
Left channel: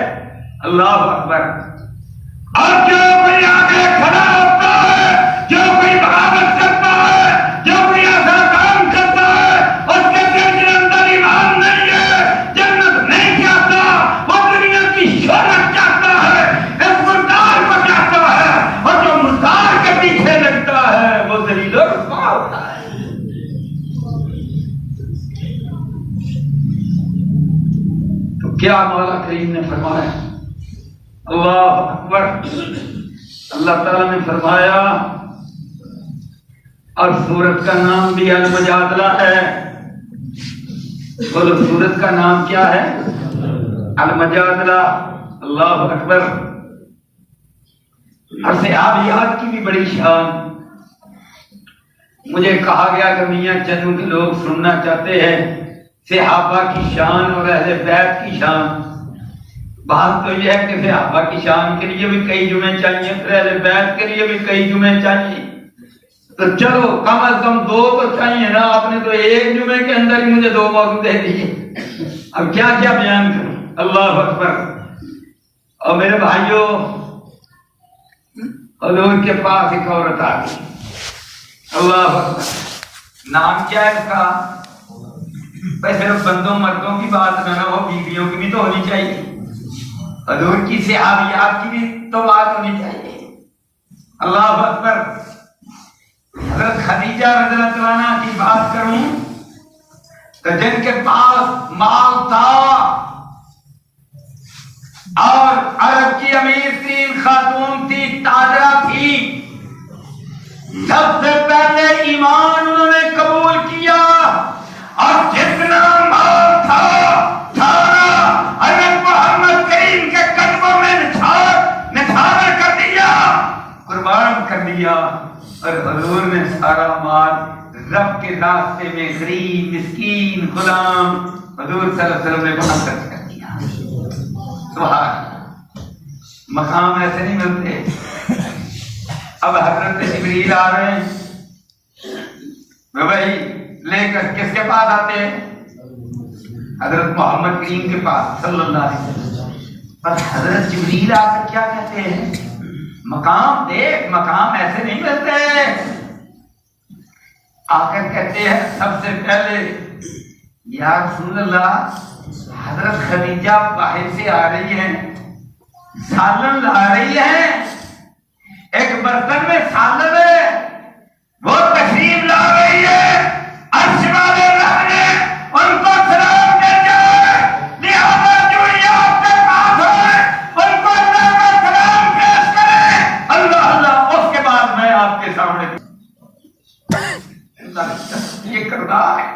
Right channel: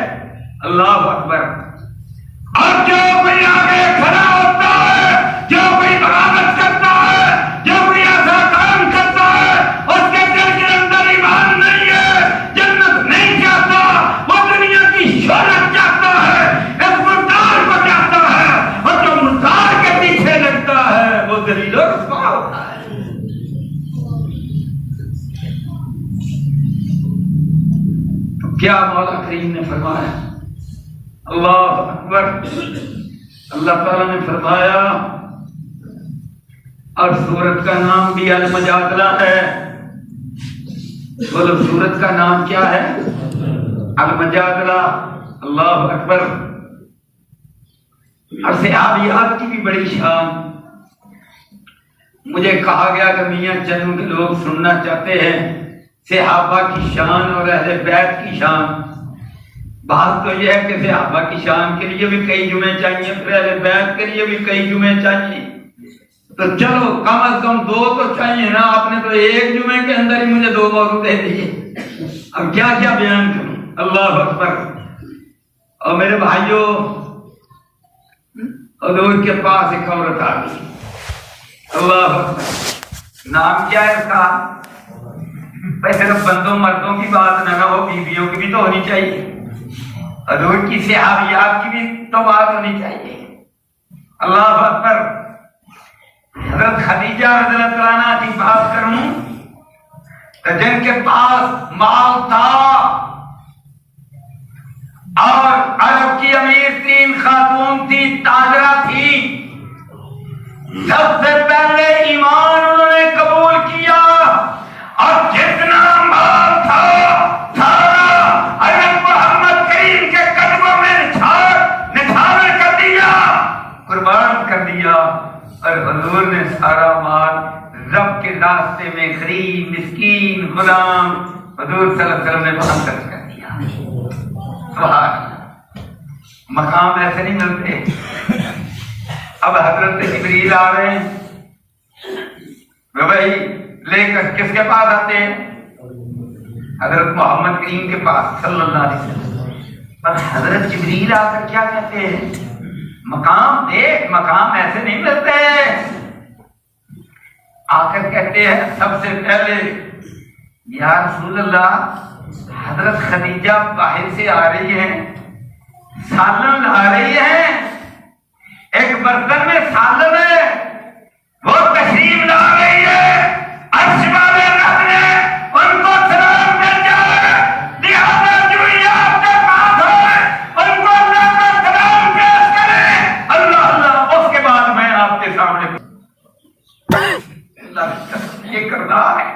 اللہ اکبر۔ اور جو کوئی آگے کھڑا ہوتا ہے، جو کوئی بغاوت کرتا ہے، جو کوئی ایسا کام کرتا ہے، اس کے دل کے اندر ایمان نہیں ہے، جنت نہیں چاہتا، وہ دنیا کی شہرت چاہتا ہے، اس مردار کو چاہتا ہے، اور جو مردار کے پیچھے لگتا ہے وہ ذلیل و رسوا ہوتا ہے۔ تو کیا مولا کریم نے فرمایا؟ اللہ اکبر، اللہ تعالیٰ نے فرمایا، اور سورت کا نام بھی المجادلہ ہے۔ بولو سورت کا نام کیا ہے؟ المجادلہ۔ اللہ اکبر۔ اور صحابیات کی بھی بڑی شان، مجھے کہا گیا کہ میاں چنوں کے لوگ سننا چاہتے ہیں صحابہ کی شان اور اہل بیت کی شان۔ بات تو یہ ہے کہ صحابہ کی شان کے لیے بھی کئی جمعے چاہیے، پھر اہل بیت کے لیے بھی کئی جمعے چاہیے، تو چلو کم از کم 2 تو چاہیے نا، آپ نے تو ایک جمعے کے اندر ہی مجھے 2 موضوع دے دیے، اب کیا کیا بیان کروں۔ اللہ اکبر۔ اور میرے بھائیوں، حضور کے پاس ایک عورت آ گئی، اللہ اکبر، نام کیا ہے اس کا؟ بھائی صرف بندوں مردوں کی بات نہ ہو، بیویوں کی بھی تو ہونی چاہیے، حضور کی صحابیات کی بھی تو بات ہونی چاہیے۔ اللہ اکبر۔ حضرت خدیجہ رضی اللہ عنہ کی بات کروں تو جن کے پاس مال تھا اور عرب کی امیر ترین خاتون تھی، تاجرہ تھی، سب سے پہلے ایمان انہوں نے قبول کیا، اور جتنا مال تھا سارا حضرت محمد کریم کے قدموں میں نثار کر دیا، قربان کر دیا، اور حضور نے سارا مال رب کے راستے میں غریب مسکین غلام حضور صلی اللہ علیہ وسلم نے وہاں خرچ کر دیا۔ سبحان اللہ، مقام ایسے نہیں ملتے۔ اب حضرت جبریل آ رہے ہیں، بھائی لے کر کس کے پاس آتے ہیں؟ حضرت محمد کریم کے پاس صلی اللہ علیہ وسلم۔ پر حضرت جبریل آ کر کیا کہتے ہیں؟ مقام دیکھ، مقام ایسے نہیں ملتے۔ آ کر کہتے ہیں سب سے پہلے یا رسول اللہ، حضرت خدیجہ باہر سے آ رہی ہے، سالن لا رہی ہے، ایک برتن میں سالن ہے، وہ تشریف لا رہی ہے، عرش والے رب نے ان کو سلام مل جائے، لہذا جو آپ کے پاس ہے ان کو اللہ کا سلام پیش کرے۔ اللہ اللہ، اس کے بعد میں آپ کے سامنے یہ کر رہا ہے۔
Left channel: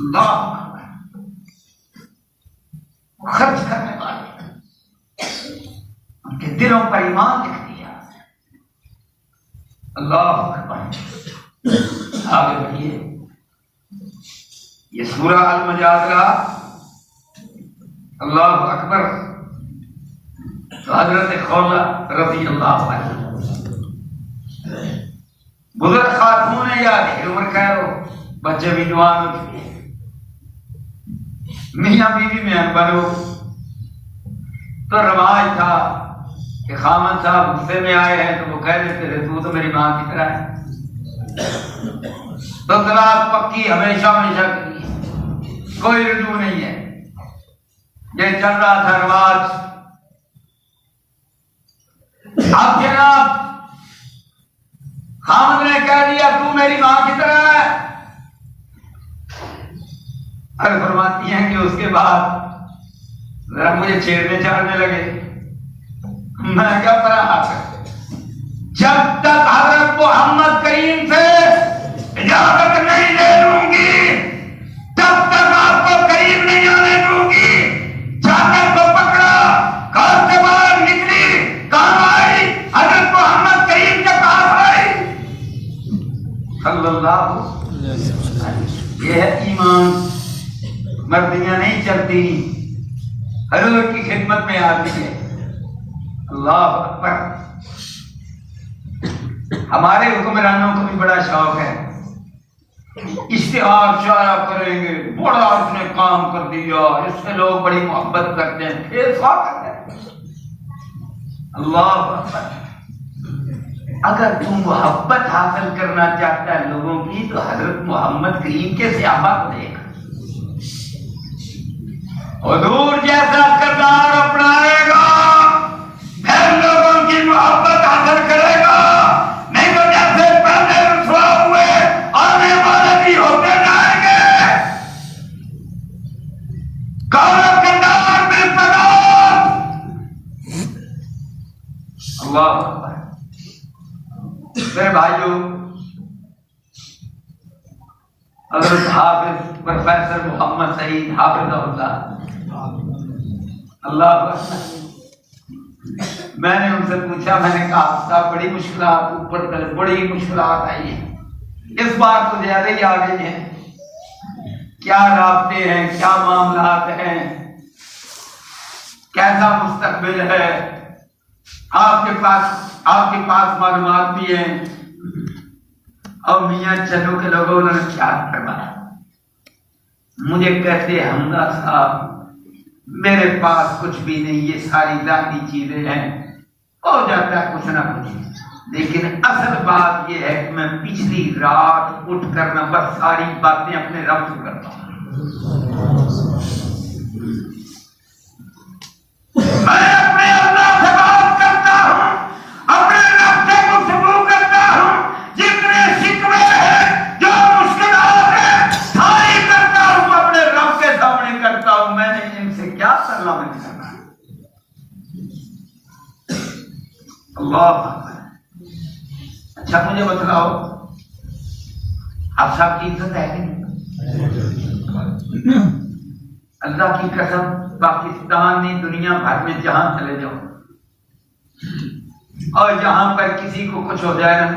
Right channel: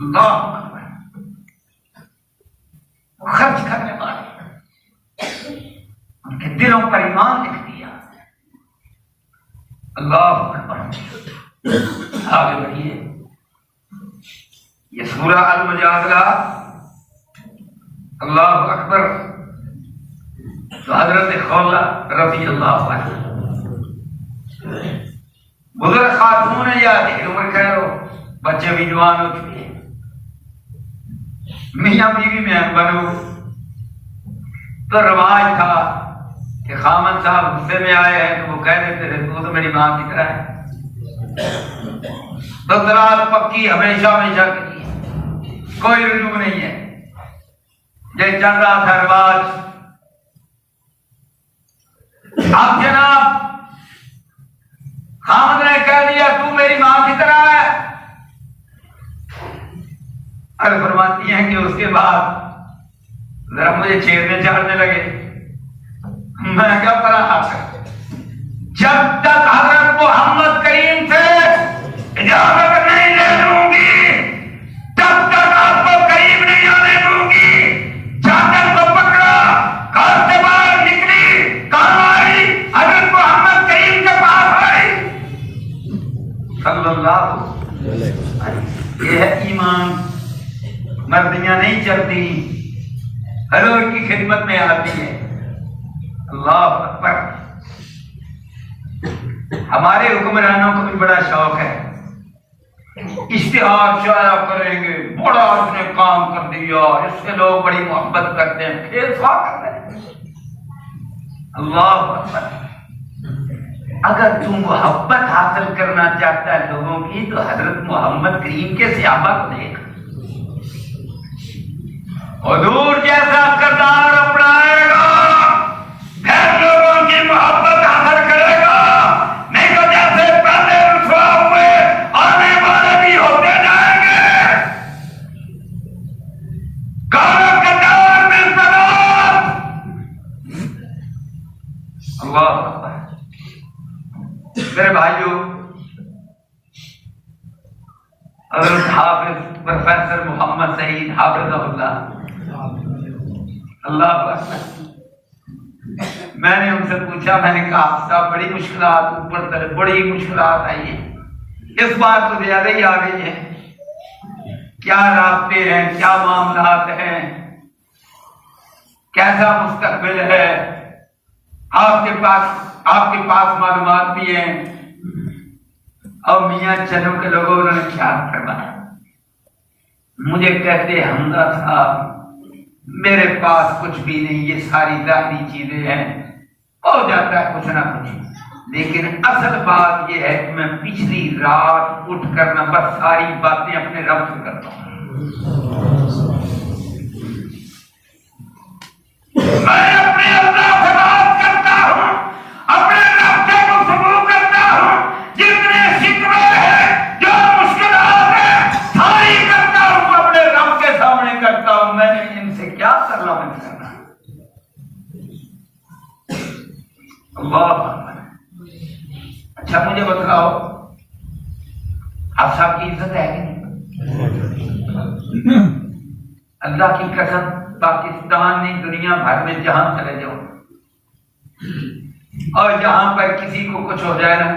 اللہ خرچ کرنے والے، ان کے دلوں پر ایمان لکھ دیا۔ اللہ اکبر۔ آگے بڑھیے، یہ سورہ المجادلہ، اللہ اکبر۔ تو حضرت خولہ رضی اللہ عنہ بزرگ خاتون ہے، یا عمر کہہ لو، بچے بھی جوان ہو چکے ہیں، میاں بیوی میں بنو، تو رواج تھا کہ خامن صاحب غصے میں آئے ہیں تو وہ کہہ دیتے تھے تو میری ماں کی طرح ہے، تو طلاق پکی ہمیشہ ہمیشہ کے لیے، کوئی رجوع نہیں ہے، یہ چل رہا تھا رواج۔ اب جناب خامد نے کہہ دیا تو میری ماں کی طرح ہے، اور فرماتی ہیں کہ اس کے بعد ذرا مجھے چھیڑنے چاڑنے لگے، میں کیا پرا جب تک حضرت محمد کریم سے اجازت نہیں لے لوں گی تب تک آپ کو قریب نہیں آنے دوں گی۔ چادر کو پکڑا، گھر سے باہر نکلی، کہاں آئی؟ حضرت محمد کریم کے پاس آئی صلی اللہ علیہ وسلم۔ یہ ہے ایمان، مردیاں نہیں چلتی، حضور کی خدمت میں آتی ہے۔ اللہ اکبر۔ ہمارے حکمرانوں کو بھی بڑا شوق ہے، اشتہار شائع کریں گے، بڑا اس نے کام کر دیا، اس سے لوگ بڑی محبت کرتے ہیں، پھر سوا کرتے ہیں۔ اللہ اکبر۔ اگر تم محبت حاصل کرنا چاہتا ہے لوگوں کی تو حضرت محمد کریم کے صحابہ کو دیکھ، حضور جیسا کردار اپنائے گا پھر لوگوں کی محبت حاصل کرے گا، نہیں تو جیسے پہلے رسوا ہوئے آنے والے بھی ہوتے جائیں گے۔ کارا کردار میں سلام۔ اللہ اکبر۔ میرے بھائیو، حضرت حافظ پروفیسر محمد سعید حافظ اللہ اکبر، میں نے ان سے پوچھا، میں نے کہا صاحب بڑی مشکلات اوپر تلے بڑی مشکلات آئی ہیں، اس بار تو زیادہ ہی آ گئی ہیں، کیا رابطے ہیں، کیا معاملات ہیں، کیسا مستقبل ہے، آپ کے پاس معلومات بھی ہیں، اور میاں چنو کے لوگوں نے کیا کروایا؟ مجھے کہتے حمزہ صاحب میرے پاس کچھ بھی نہیں، یہ ساری ذاتی چیزیں ہیں، ہو جاتا ہے کچھ نہ کچھ، لیکن اصل بات یہ ہے کہ میں پچھلی رات اٹھ کر نہ بس ساری باتیں اپنے رب سے کرتا ہوں، میں اپنے اللہ سے بات کرتا ہوں، اپنے رب سے گفتگو کرتا ہوں، جتنے شکوے ہیں جو مشکلات ہیں ساری کرتا ہوں، اپنے رب کے سامنے کرتا ہوں، میں نے ان سے کیا کرنا کرنا۔ اللہ اکبر۔ اچھا مجھے بتلاؤ آپ صاحب کی عزت ہے کہ نہیں؟ اللہ کی قسم پاکستان نہیں دنیا بھر میں جہاں چلے جاؤ اور جہاں پر کسی کو کچھ ہو جائے نا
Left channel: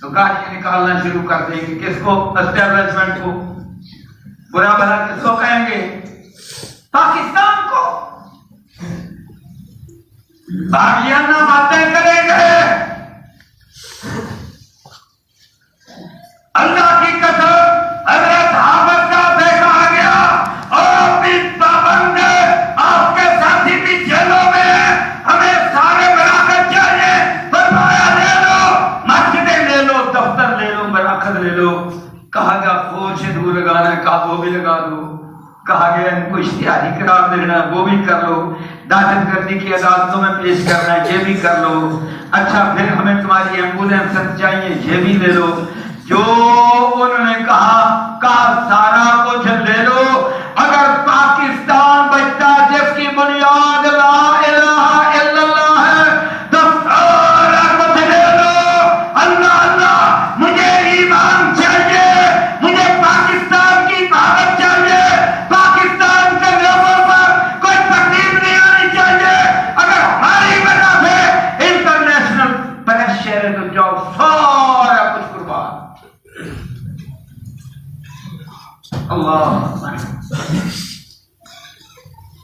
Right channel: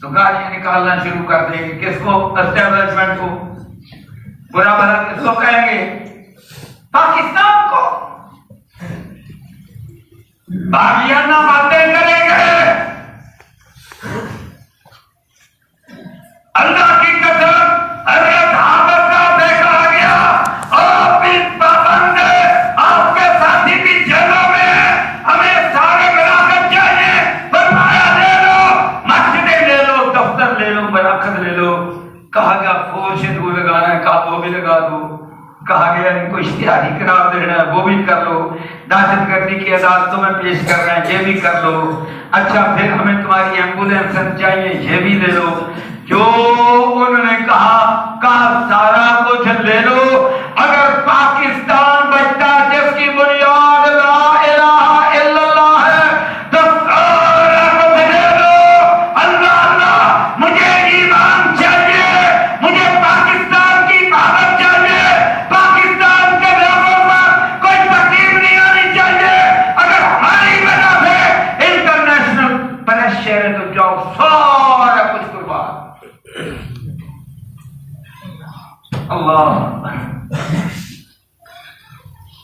تو گالیاں نکالنا شروع کر دیں کہ کس کو اسٹیبلشمنٹ کو برا بھلا کس کو کہیں گے؟ پاکستان کو باغیانہ باتیں کریں گے۔ اللہ کی قسم حضرت حافظ صاحب سے کہا گیا اور بھی پابند ہے، آپ کے ساتھی بھی جیلوں میں ہیں، ہمیں سارے مراکز چاہیے، فرمایا لے لو، مسجدیں لے لو، دفتر لے لو، مراکز لے لو، کہا گیا فورش دور لگانا ہے، کہا وہ بھی لگا دو، کہا گیا ان کو اشتہاری قرار دینا ہے وہ بھی کر لو، دہشت گردی کی عدالتوں میں پیش کر رہے ہیں یہ بھی کر لو، اچھا پھر ہمیں تمہاری ایمبولینس چاہیے یہ بھی لے لو، جو انہوں نے کہا سارا کچھ لے لو، اگر پاکستان بچتا جس کی بنیاد لا الہ الا اللہ ہے تو سارا کچھ لے لو۔ اللہ اللہ مجھے ایمان چاہیے، مجھے پاکستان کی بھارت چاہیے، پاکستان کے تو جاؤ سارا کچھ قربان. اللہ.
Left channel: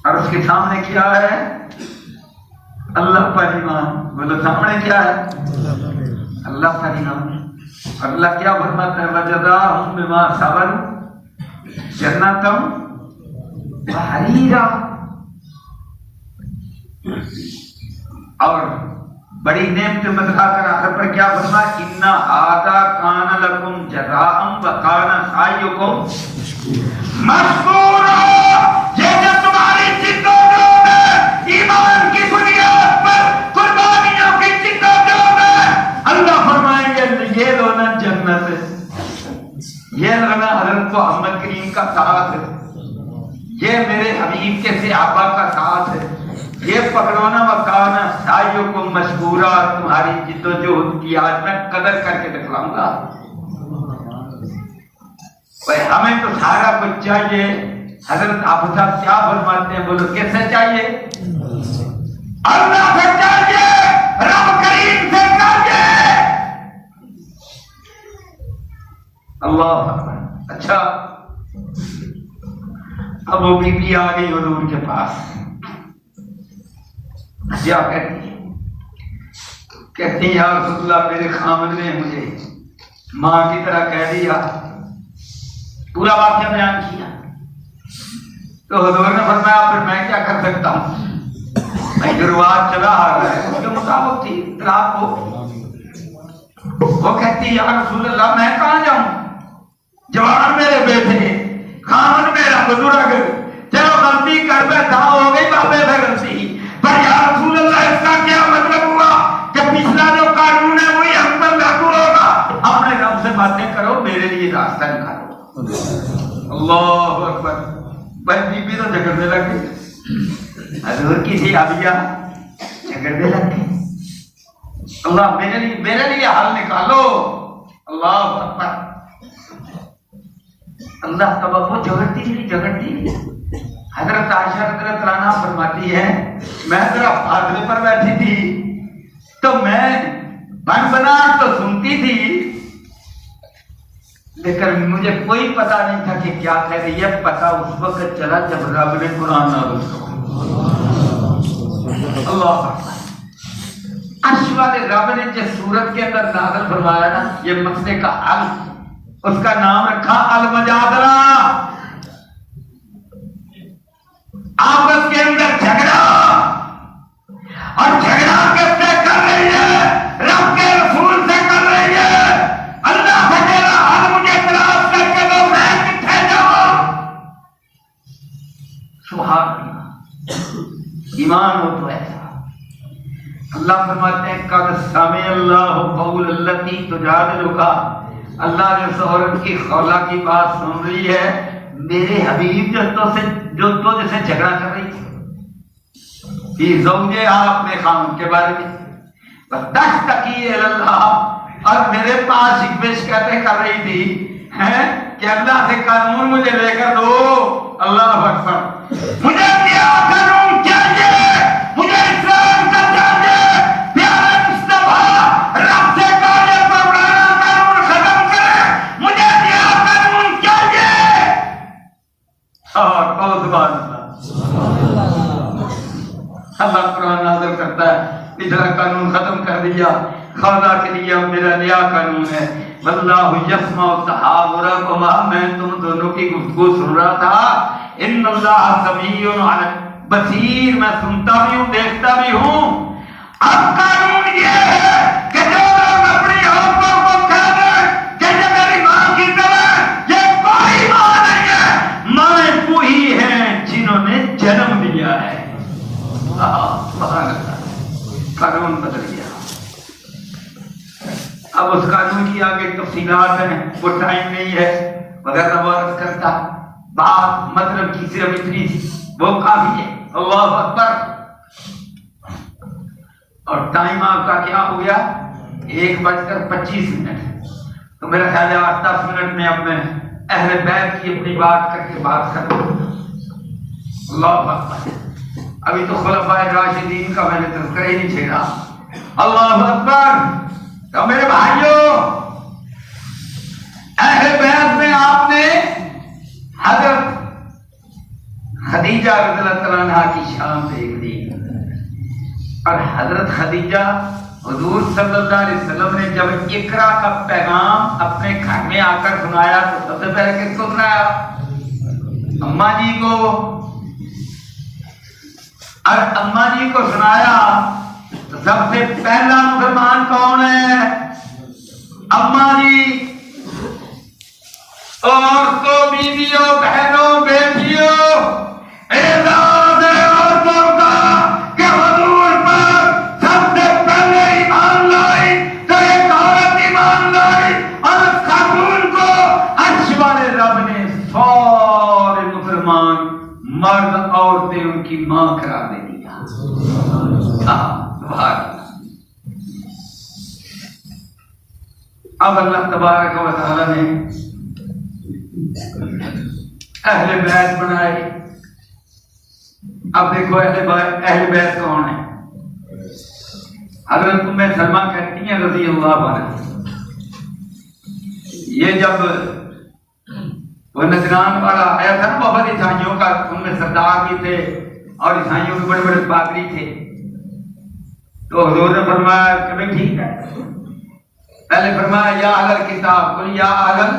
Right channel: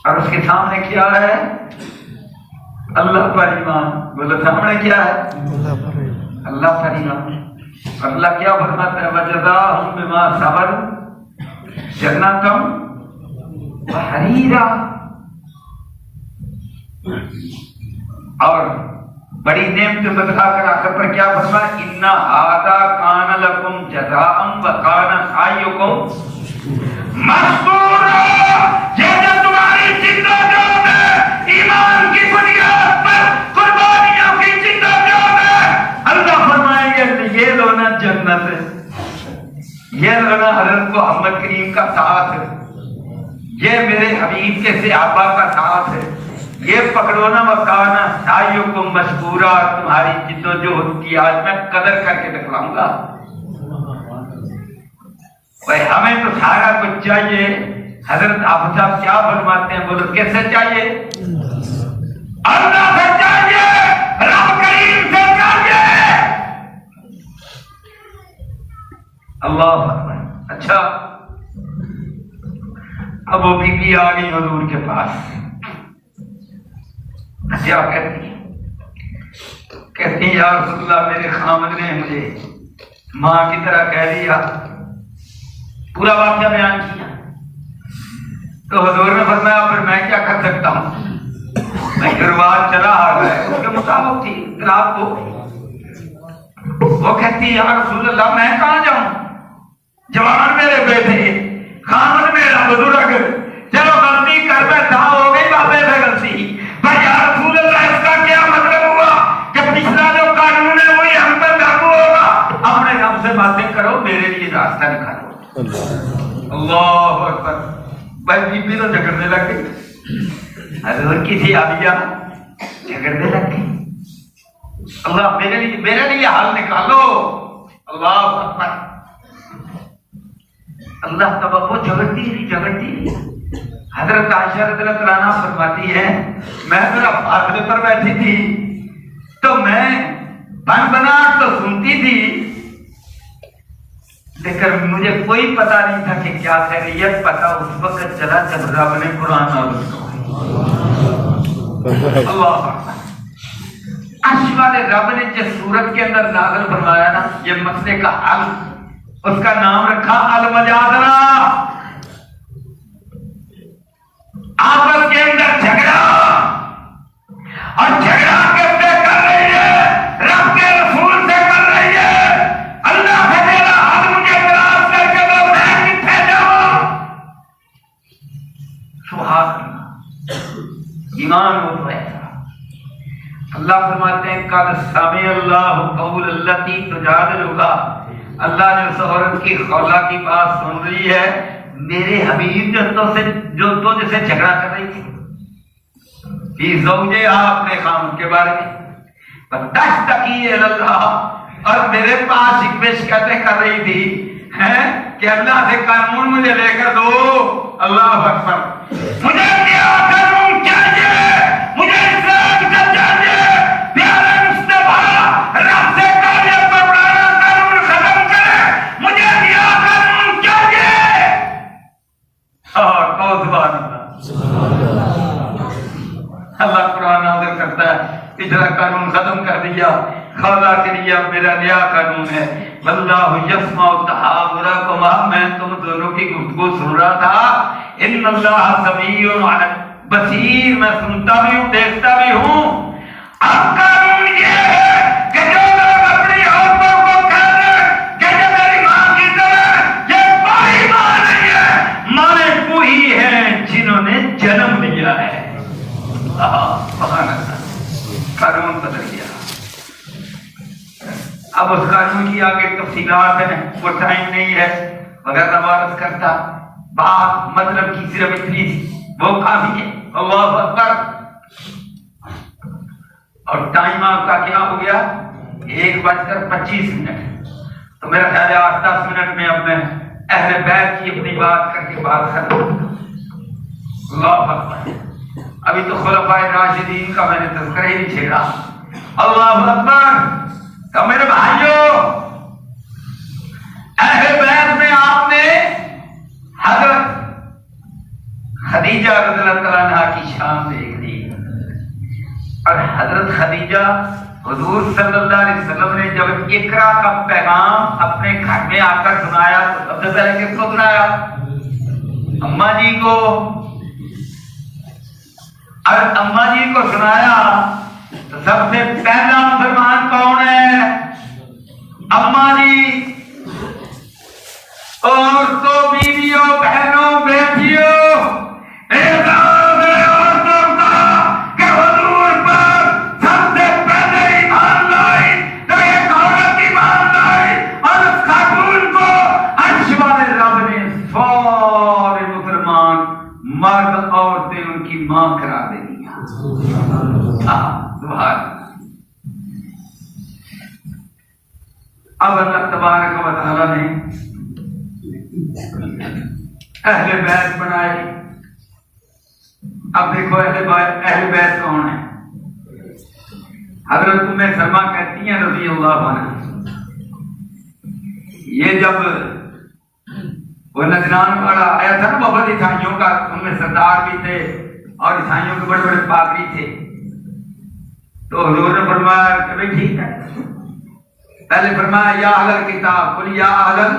اور اس کے سامنے کیا ہے؟ اللہ پر ایمان. بولو سامنے کیا ہے؟ اللہ پر ایمان. اور اللہ کیا فرماتا ہے؟ وجزاہم بما صبروا جنۃ وحریرا. اور بڑی نعمت بتا کر آخر پر کیا فرمایا؟ ان ھذا کان لکم جزاء وکان سعیکم مشکورا. جیسے تمہاری زندگیوں میں ایمان کی بنیاد پر قربانیوں کی زندگیوں میں اللہ فرمائیں گے یہ لو نا جنت ہے، یہ لو نا حضرت محمد کریم کا ساتھ ہے، یہ میرے حبیب کے صحابہ کا ساتھ ہے، یہ پکڑو نا مکانا سعیکم مشکورا. تمہاری جد و جہد کی آج میں قدر کر کے دکھلاؤں گا. ہمیں تو سارا کچھ چاہیے. حضرت آپ صاحب کیا فرماتے ہیں؟ بولو کیسے چاہیے؟ اللہ سے چاہیے، رب کریم سے چاہیے. اللہ اکبر. اچھا اب وہ بی بی آ گئی حضور کے پاس. کیا کہتی ہے؟ کہتی یا رسول اللہ میرے خامد نے مجھے ماں کی طرح کہہ دیا. پورا واقعہ بیان کیا. تو حضور نے فرمایا پھر میں کیا کر سکتا ہوں؟ رواج چلا آ رہا ہے اس کے مطابق تھی اطلاعات کو. وہ کہتی یا رسول اللہ میں کہاں جاؤں؟ جوان میرے بیٹے، خامد میرا بزرگ، چلو غلطی کر بیٹھا، ہو گئی بابے سے غلطی، پر یا رسول اللہ اس کا کیا مطلب ہوا کہ پچھلا جو قانون ہے وہی ہم پر لاگو ہوگا؟ اپنے رب سے باتیں کرو، میرے لیے راستہ نکالو. اللہ اکبر. بھائی بی بی تو جھگڑنے لگ گئی. حضور کی تھی آبیہ جھگڑنے لگ گئی. اللہ میرے لیے حل نکالو. اللہ اکبر. اللہ کا وہ جھگڑتی رہی. حضرت عائشہ رضی اللہ عنہا فرماتی ہے میں ذرا فاصلے پر بیٹھی تھی تو میں بنبناہٹ تو سنتی تھی لیکن مجھے کوئی پتہ نہیں تھا کہ کیا کہہ رہی ہے. پتہ اس وقت چلا جب رب نے قرآن نازل کیا. اللہ عرش والے رب نے جس صورت کے اندر نازل فرمایا نا یہ مسئلے کا حل، اس کا نام رکھا المجادلہ. آپس کے اندر جھگڑا، اور جھگڑا کیسے کر رہی ہے؟ رب کے رسول سے کر رہی ہے. اللہ سے میرا حل مجھے تلاش کر کے دو، میں کتنے جاؤں؟ سبحان اللہ. ایمان ہو تو ایسا. اللہ فرماتے ہیں قد سمع اللہ قول التی تجادلک. اللہ جو عورت کی خلا کی بات سن رہی ہے، میرے حبیب جو تو جیسے جھگڑا کر رہی تھی فی زوجہا اپنے خامد کے بارے میں، تشتکی الی اللہ، اور میرے پاس شکایتیں کر رہی تھی کہ اللہ سے قانون مجھے لے کر دو. اللہ اکبر. مجھے نیا قانون چاہیے، مجھے اسلام کا چاہیے. پیارے مصطفیٰ رب سے کہنے پر پرانا قانون ختم کرے، مجھے نیا قانون چاہیے. اور بہت بات اللہ قرآن نازل کرتا ہے پچھلا قانون ختم کر دیا، خلا کے لیے میرا نیا قانون ہے. واللہ یسمع تحاورکما، میں تم دونوں کی گفتگو سن رہا تھا. ان اللہ سمیع بصیر، میں سنتا بھی ہوں دیکھتا بھی ہوں. اب قانون یہ ہے کہ جو لوگ اپنی عورتوں کو کہہ دیں کہ یہ میری ماں کی طرح، یہ کوئی ماں نہیں ہے، ماں وہی ہیں جنہوں نے جنم لیا ہے. قانون بدل گیا. اب اس قانون کی آگے تفصیلات ہیں، وہ ٹائم نہیں ہے مگر نوارت کرتا. بات مطلب کی صرف اتنی تھی، وہ کافی ہے. اللہ اکبر. اور ٹائم آپ کا کیا ہو گیا؟ 1:25. تو میرا خیال ہے 8-10 منٹ میں اب میں اہل بیت کی اپنی بات کر کے بات کروں. اللہ اکبر. ابھی تو خلفائے راشدین کا میں نے تذکرہ ہی نہیں چھیڑا. اللہ اکبر. تو میرے بھائیوں، اہل بیت میں آپ نے حضرت خدیجہ رضی اللہ تعالیٰ عنہا کی شان دیکھ لی، اور حضرت خدیجہ حضور صلی اللہ علیہ وسلم نے جب اقرا کا پیغام اپنے گھر میں آ کر سنایا تو سب سے پہلے کس کو سنایا؟ اماں جی کو. اور اماں جی کو سنایا تو سب سے پہلا مسلمان کون ہے؟ اماں جی. عورتوں، بیویوں، بہنوں، بیٹیوں، اعزاز ہے عورتوں کا کہ حضور پر سب سے پہلے ایمان لائی تو ایک عورت ایمان لائی، اور اس خاتون کو عرش والے رب نے سارے مسلمان مرد عورتیں ان کی ماں کرا دے دیا. اب اللہ تبارک و تعالی نے اہل بیت بنائے. اب دیکھو اہل بیت کون ہے؟ حضرت ام سلمہ کہتی ہیں رضی اللہ عنہ، یہ جب وہ نجران والا آیا تھا نا بہت عیسائیوں کا، ان میں سردار بھی تھے اور عیسائیوں کے بڑے بڑے پادری تھے، تو حضور نے فرمایا کہ بھائی ٹھیک ہے. پہلے فرمایا یا اہل کتاب، قل یا اہل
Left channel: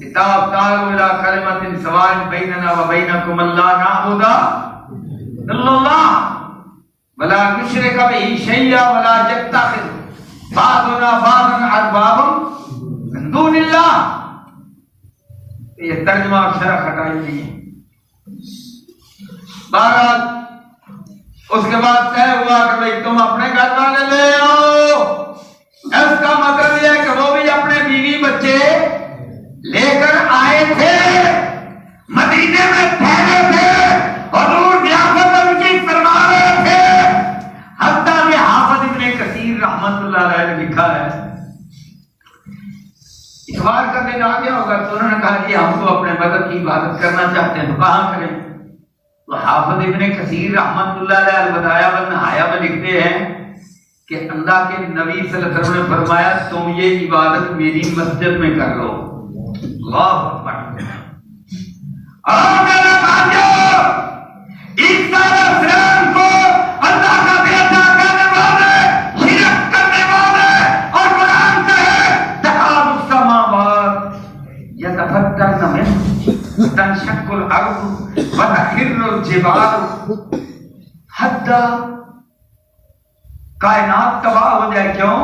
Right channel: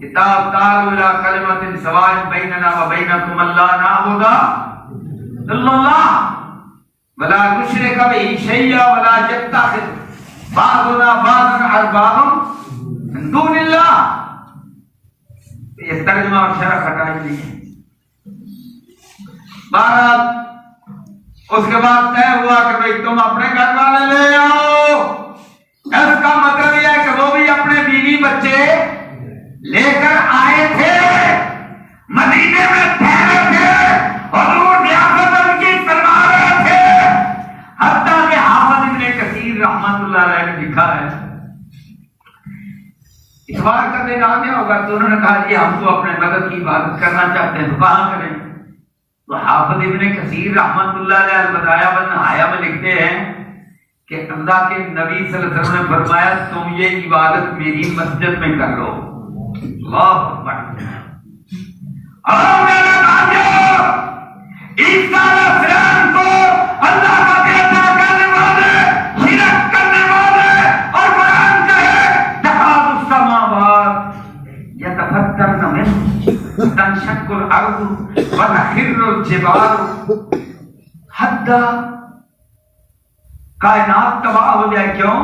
کتاب تعالوا الی کلمۃ سواء بیننا و بینکم الا نعبد الا اللہ ولا نشرک به شیئا ولا یتخذ بعضنا بعضا اربابا من دون اللہ. یہ ترجمہ اور شرح ہٹائی نہیں ہے. بہرحال اس کے بعد طے ہوا کہ بھائی تم اپنے گھر والے لے آؤ. اس کا مطلب یہ ہے کہ وہ بھی اپنے بیوی بچے لے کر آئے تھے، مدینے میں ٹھہرے تھے، حضور ریاست ان کی کروا رہے تھے. حتیٰ کہ حافظ ابن کثیر رحمت اللہ علیہ نے لکھا ہے، اتوار کا دن آ گیا ہوگا تو انہوں نے کہا کہ ہم تو اپنے مذہب کی عبادت کرنا چاہتے ہیں تو کہاں کریں؟ تو حافظ ابن کثیر رحمت اللہ علیہ البدایہ والنہایہ میں لکھتے ہیں کہ اللہ کے نبی صلی اللہ علیہ وسلم نے فرمایا تم یہ عبادت میری مسجد میں کر لو. اللہ اکبر. اور میرے بھائیو، عیسیٰ علیہ السلام کو اللہ کا بیٹا کہنے والے، شرک کرنے والے، اور قرآن کہے تکاد السماوات یتفطرن منہ تنشق الارض وتخر الجبال. حتی کائنات تباہ ہو جائے. کیوں؟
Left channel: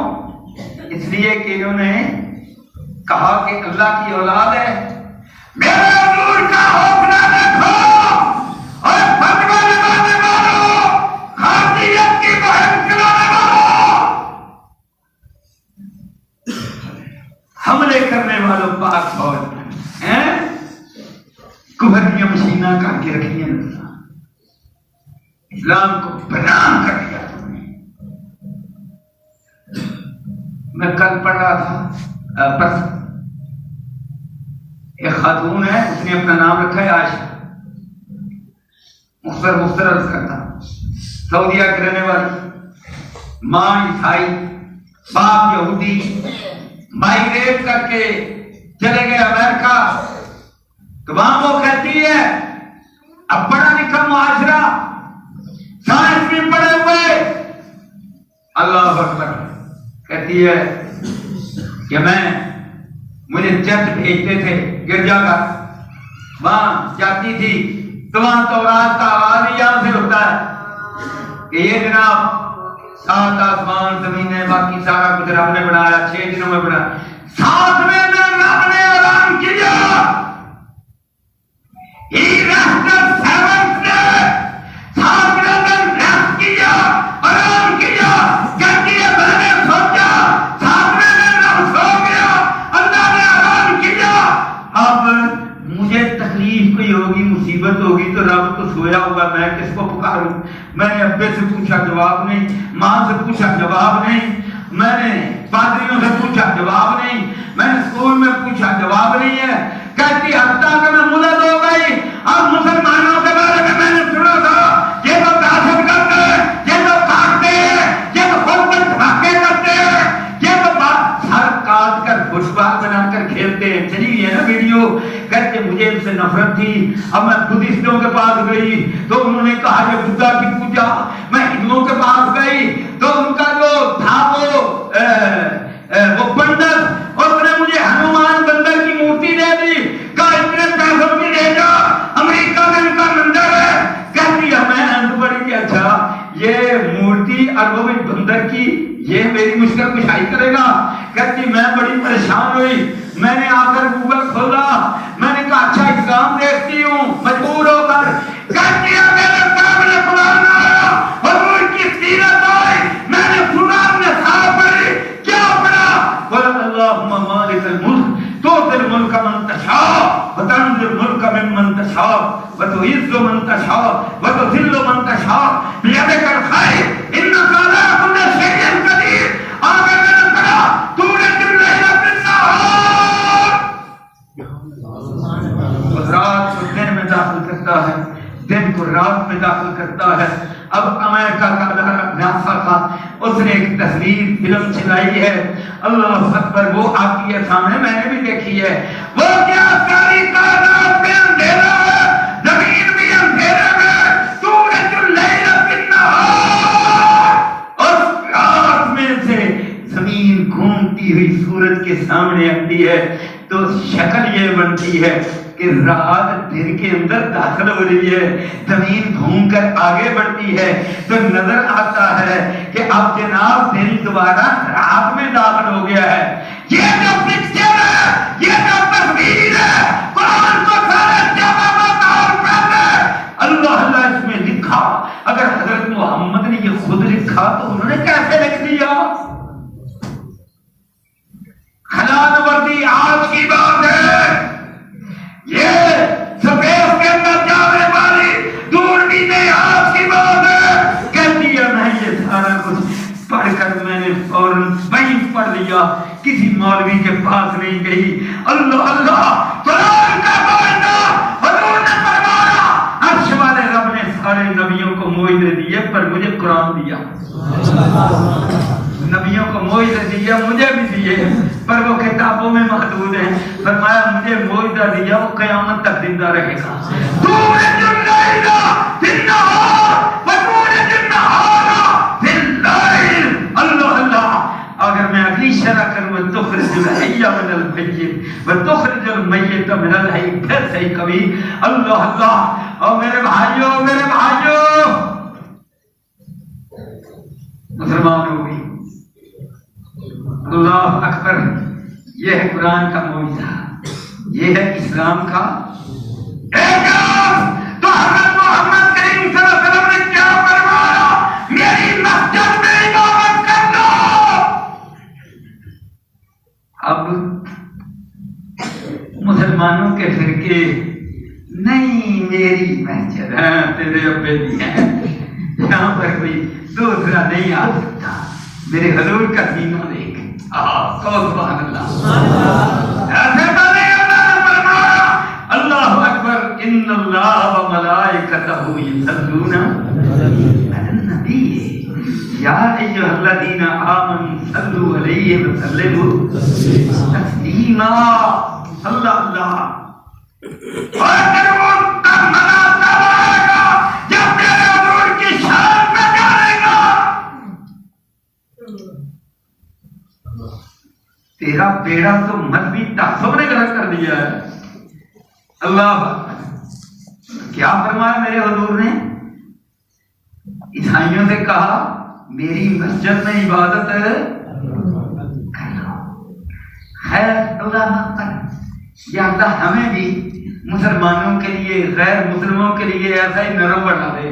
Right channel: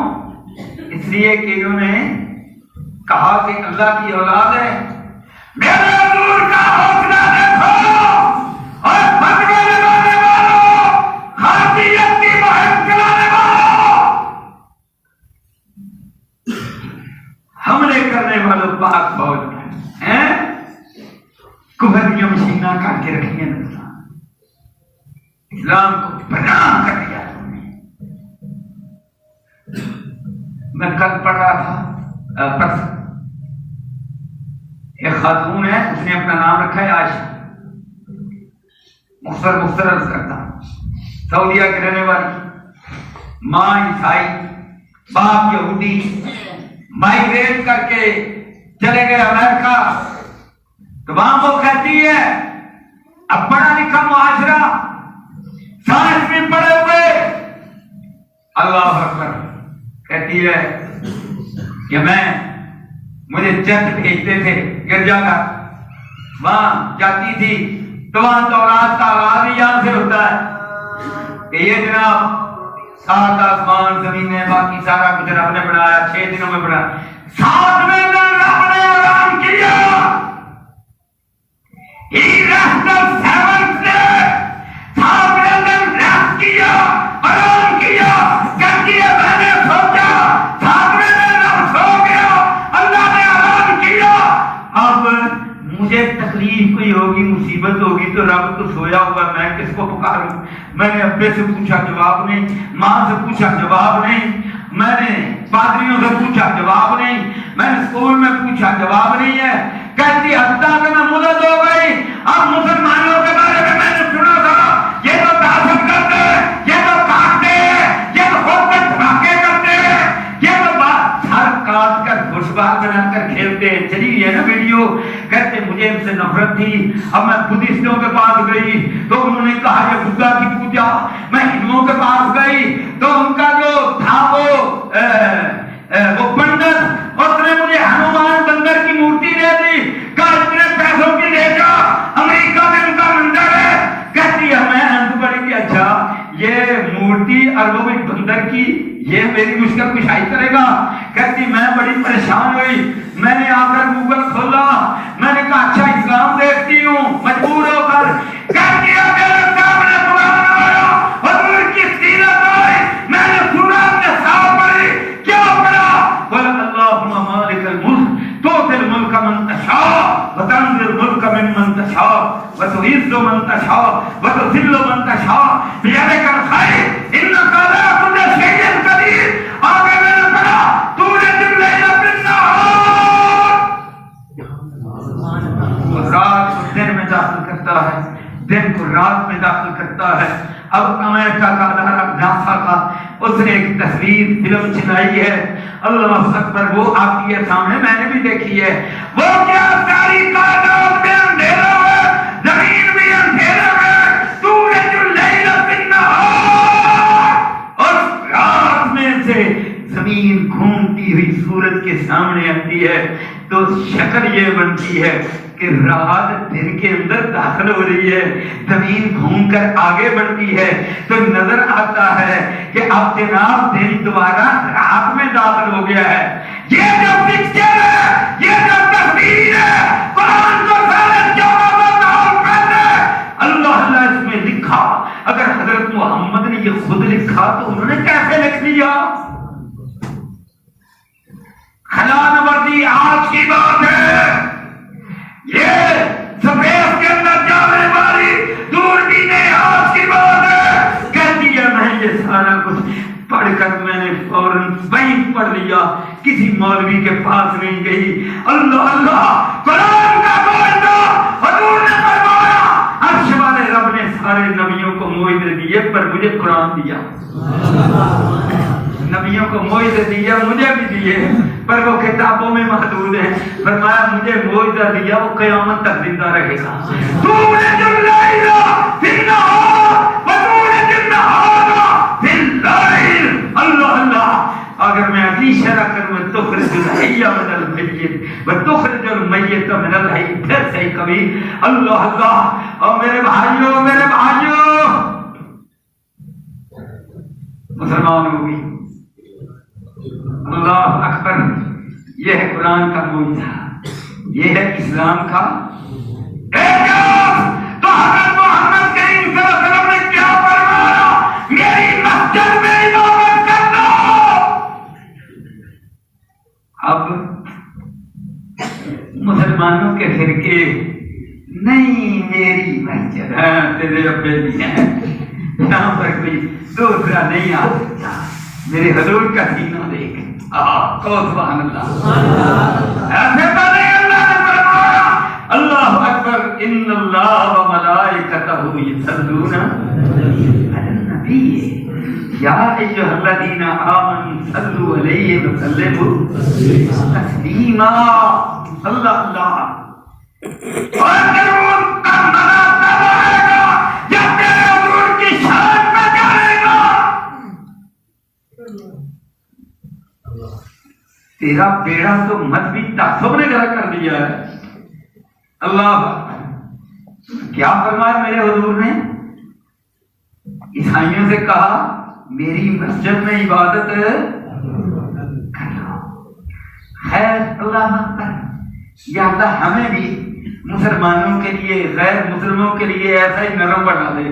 اس لیے کہ انہوں نے کہا کہ اللہ کی اولاد ہے. میرے حضور کا حوصلہ دیکھو اور فتوے لگانے والوں، خارجیت کی مہم چلانے والوں، حملے کرنے والوں پاک فوج ہیں، کفر کی مشینہ کر کے رکھی ہیں. اسلام کو بدنام کر دیا. میں کل پڑھ رہا تھا، ایک خاتون ہے، اس نے اپنا نام رکھا ہے عائشہ، مختصر عرض کرتا ہوں، سعودیہ کے رہنے والی، ماں عیسائی، باپ یہودی، مائیگریٹ کر کے چلے گئے امریکہ. تو وہاں وہ کہتی ہے اب پڑھا لکھا معاشرہ، سائنس میں پڑھے ہوئے، اللہ اکبر، کہتی ہے کہ مجھے چرچ بھیجتے تھے گرجا کا، وہاں جاتی تھی تو وہاں تورات کا آغاز ہی یہاں سے ہوتا ہے کہ یہ جناب 7 آسمان زمینیں باقی سارا کچھ رب نے بنایا 6 دنوں میں بنایا. 7ویں دن رب نے آرام کیا. He rested 7th day. 7ویں دن ریسٹ کیا، آرام کیا. کہتی ہے میں نے سوچا 7ویں دن رب سو گیا، اللہ نے آرام کیا. اب مجھے تکلیف کوئی ہوگی، مصیبت ہوگی تو رب تو سویا ہوا، میں کس کو پکاروں؟ میں نے ابے سے پوچھا جواب نہیں، ماں سے پوچھا جواب نہیں، میں نے پادریوں سے پوچھا جواب نہیں، میں نے اسکول میں پوچھا جواب نہیں ہے. کہتی حتیٰ کہ میں مدد ہو گئی اور مسلمانوں کے بارے میں میں نے سنا تھا یہ تو دہشت کرتے ہیں، یہ تو کاٹتے ہیں، یہ تو خود میں دھماکے کرتے ہیں، یہ تو ہر کاٹ کر فٹ بال بنا کر کھیلتے ہیں. چلی ہے نا ویڈیو. کہتے مجھے ان سے نفرت تھی, اب میں بدھسٹوں کے پاس گئی تو انہوں نے کہا یہ بدھا کی پوجا. میں ہندوؤں کے پاس گئی تو ان کا جو تھا وہ پنڈت اس نے مجھے ہنومان بندر کی مورتی دے دی. کہا اتنے پیسوں کی دے جا, امریکہ میں ان کا مندر ہے. کہتی ہے میں ہنس پڑی کہ اچھا یہ مورتی اربوں میں بندر کی یہ میری مشکل کشائی کرے گا. کہتی میں بڑی پریشان ہوئی, میں نے آ کر گوگل کھولا, میں نے کہا اچھا ایگزام دیکھتی ہوں مجبور ہو کر. کہتی ہے میرے سامنے قرآن آیا, حضور کی سیرت آئی, میں نے سنا نصاب پڑھی, کیا پڑھا؟ قل اللہم مالک الملک تؤتی الملک من تشاء وتنزع الملک ممن تشاء وتعز من تشاء وتذل من تشاء بیدک الخیر انک علی کل شیء قدیر. آگے میں نے پڑھا تولج اللیل فی النہار, رات کو دن میں داخل کرتا ہے, دن کو رات میں داخل کرتا ہے. اب امریکہ کا ناسا کا اس نے ایک تصویر فلم چلائی ہے, اللہ اکبر, وہ آتی ہے سامنے, میں نے بھی دیکھی ہے. وہ کیا ساری کائنات میں اندھیرا ہے, زمین بھی اندھیرا ہے, تولج اللیل فی النہار, اور رات میں سے زمین گھومتی ہوئی سورج کے سامنے آتی ہے تو شکل یہ بنتی ہے کہ رات دن کے اندر داخل ہو رہی ہے, زمین گھوم کر آگے بڑھتی ہے تو نظر آتا ہے کہ اب جناب دن دوبارہ رات میں داخل ہو گیا ہے. یہ جو پکچر ہے, یہ جو تصویر ہے, قرآن کو پہلے اللہ اس میں لکھا. اگر حضرت محمد نے یہ خود لکھا تو انہوں نے کیسے لکھ دیا؟ حلال وردی آج کی بات ہے, یہ سپیس کے اندر جانے والی دوربینیں آج کی بات ہے. کہتی ہے میں یہ سارا کچھ پڑھ کر میں نے فوراً وہیں پڑھ لیا, کسی مولوی کے پاس نہیں گئی. اللہ اللہ, قرآن کا معاہدہ حضور نے فرمایا, عرش والے رب نے سارے نبیوں کو معاہدے دیے پر مجھے قرآن دیا. نبیوں کو معاہدے دیے, مجھے بھی دیے, پر وہ کتابوں میں محدود ہیں. فرمایا مجھے معاہدہ دیا, وہ قیامت تک زندہ رہے گا. تولج اللیل فی النہار وتولج النہار فی اللیل. اللہ اللہ, اگر میں اگلی شرح کر میں تخرج الحی من المیت وتخرج المیت من الحی, پھر سے کبھی اللہ اللہ. اور میرے بھائیوں, میرے بھائیوں, مسلمان ہوگی, اللہ اکبر, یہ ہے قرآن کا معجزہ, یہ ہے اسلام کا اعجاز. تو حضرت محمد کریم صلی اللہ علیہ وسلم نے کیا فرمایا, میری مسجد میں عبادت کر لو. اب مسلمانوں کے فرقے نہیں, میری مسجد ہے, تیرے ابے بھی ہے, یہاں پر بھی دوسرا نہیں آ سکتا. میرے حضور کا سینہ دیکھ, سبحان اللہ, ایسے تو نہیں. اللہ نے فرمایا, اللہ اکبر, ان اللہ و ملائکتہ یصلون علی النبی یا ایھا الذین آمنوا صلوا علیہ وسلموا تسلیما. اللہ اللہ, اور ضرور کا مرتبہ آئے گا جب میرے حضور کی شان میں جائے گا. تیرا بیڑا تو مذہبی تعصب نے غلط کر دیا ہے. اللہ کیا فرمایا میرے حضور نے, عیسائیوں سے کہا میری مسجد میں عبادت کر لو. خیر اللہ کر, یا اللہ ہمیں بھی مسلمانوں کے لیے, غیر مسلموں کے لیے ایسا ہی نرم بنا دے.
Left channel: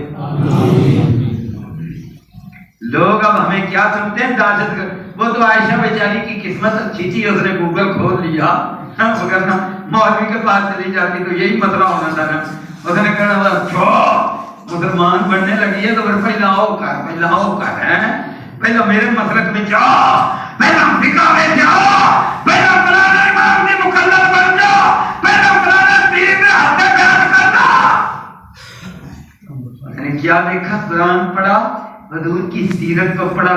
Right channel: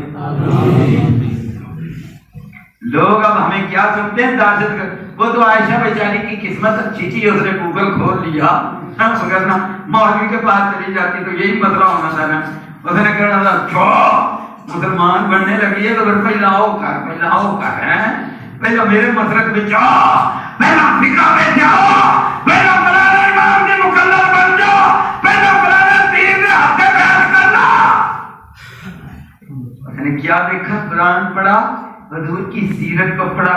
لوگ اب ہمیں کیا سمجھتے ہیں, دہشت گرد. وہ تو عائشہ بیچاری کی قسمت اچھی تھی, اس نے گوگل کھول لیا, اگر نہ مولوی کے پاس چلی جاتی تو یہی مسئلہ ہونا تھا نا. اس نے کہا اچھا مسلمان بننے لگی ہے تو پھیلاؤ کر پہلے میرے مسلک میں جا, پہلا فقہ میں جا, پہلا فلانے امام کی مکلف بن جا, پہلا فلانے پیر نے ہاتھ بیان کرنا. میں نے کیا دیکھا, قرآن پڑھا, حضور کی سیرت کو پڑھا,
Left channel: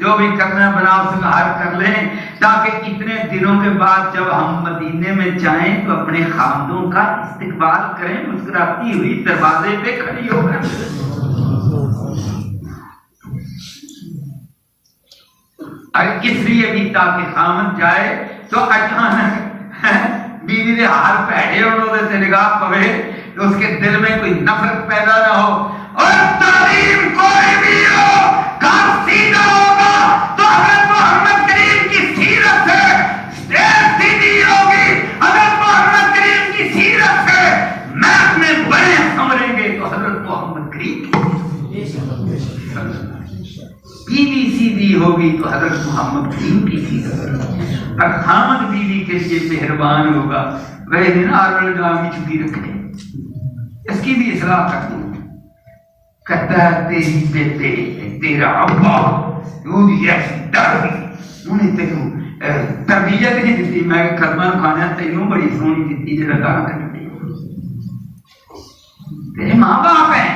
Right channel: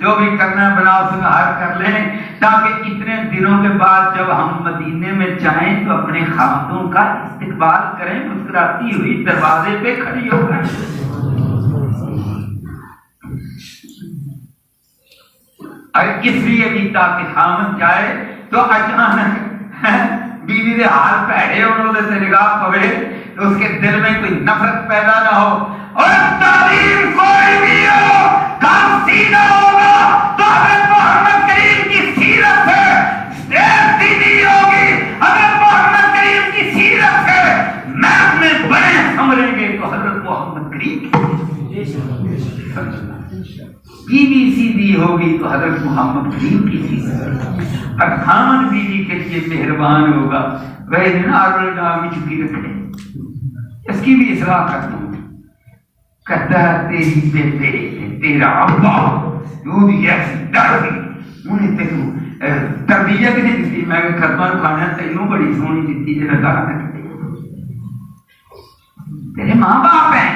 جو بھی کرنا ہے بنا سنہار کر لیں، تاکہ اتنے دنوں کے بعد جب ہم مدینے میں جائیں تو اپنے خامدوں کا استقبال کریں، مسکراتی ہوئی دروازے پہ کھڑی ہو کر۔ اور اس لیے بھی تاکہ خامد جائے تو اچانک بیوی کے ہاتھ پیڑے اور اسے نگاہ پڑے تو اس کے دل میں کوئی نفرت پیدا نہ ہو۔ اور تعلیم کوئی بھی ہو، کام سیدھا ہوگا تو حضرت محمد کریم کی سیرت سے سیدھی ہوگی، حضرت محمد کریم کی سیرت سے میں اپنے بڑے سمجھیں گے تو حضرت محمد کریم بیوی سیدھی ہوگی تو حضرت محمد کریم کی سیرت، اور خامد بیوی کے لیے مہربان ہوگا وہ نام کی چھٹی رکھے، اس کی بھی اصلاح کر دوں۔ کہتا ہے تیری بیٹے تیرا ابا انہیں تینوں تربیت نہیں دیتی، میں کرنا کھانا تینوں بڑی سونی دیتی جو لگا کرتے تیرے ماں باپ ہیں،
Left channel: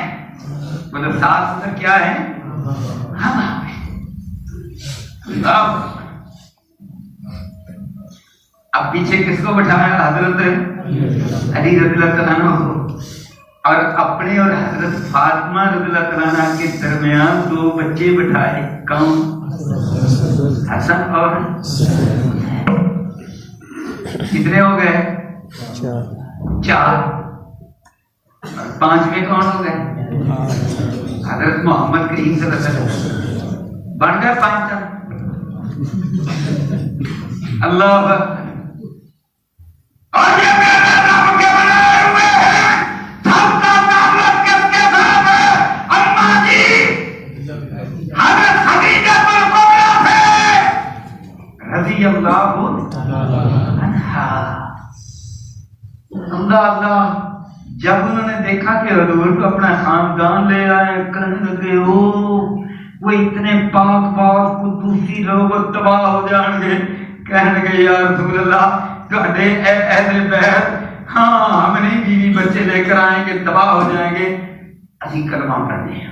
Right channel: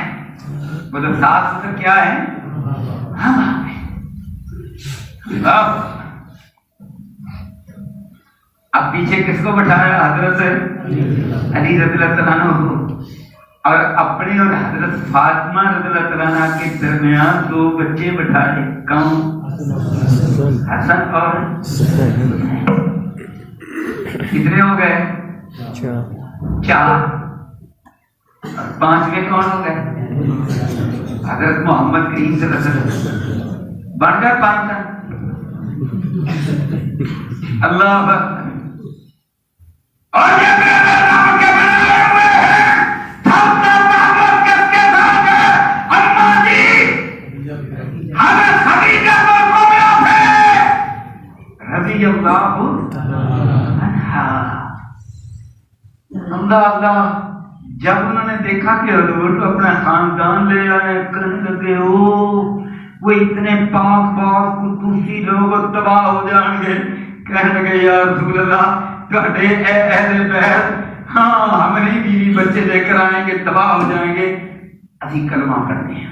مطلب ساس سسر کیا ہے، ہاں باپ ہیں۔ اب پیچھے کس کو بٹھایا؟ حضرت علی رضی اللہ تعالیٰ عنہ کو، اور اپنے اور حضرت فاطمہ رضی اللہ تعالیٰ عنہ کے درمیان دو بچے بٹھائے، کون؟ حسن اور کتنے ہو گئے؟ چار۔ پانچویں کون ہو گئے؟ حضرت محمد کریم صلی اللہ علیہ وسلم، بن گئے پانچ۔ اللہ اکبر۔ اور اللہ جب انہوں نے دیکھا کہ حضور کو اپنا خاندان لے آئے، کہنے لگے وہ اتنے پاک پاک قدوسی لوگ تباہ ہو جائیں گے، کہنے لگے یا رسول اللہ تہاڈے اہل بیت، ہاں ہم نہیں بیوی بچے لے کر آئیں گے، تباہ ہو جائیں گے، اسی کلمہ پڑھنے ہیں۔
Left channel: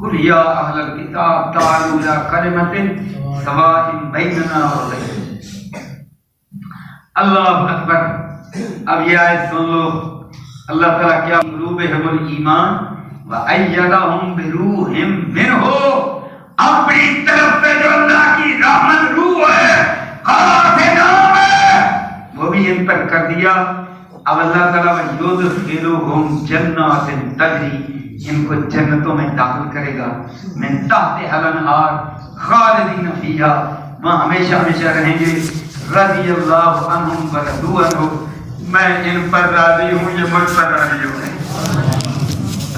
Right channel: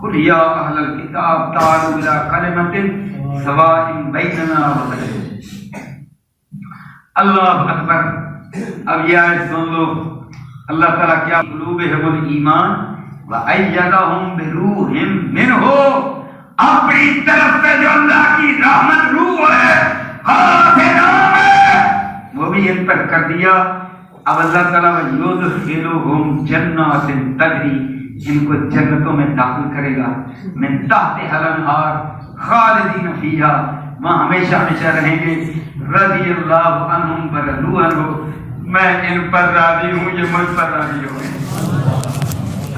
قل یا اہل الکتاب تعالوا الی کلمۃ سواء بیننا وبینکم۔ اللہ اکبر۔ اب یہ آیت سن لو، اللہ تعالیٰ کیا قلوبہم الایمان وأیدہم بروح منہ، اپنی طرف سے جو اللہ کی رحمت روح ہے، خاص نام ہے، وہ بھی ان پر کر دیا۔ اب اللہ تعالیٰ یدخلہم جنات تجری، ان کو جنتوں میں داخل کرے گا، من تحتہا الانہار خالدین فیہا، وہاں ہمیشہ ہمیشہ رہیں گے۔ رضی اللہ عنہم ورضوا عنہ، میں ان پر راضی ہوں، یہ مجھ پر راضی ہو گئے۔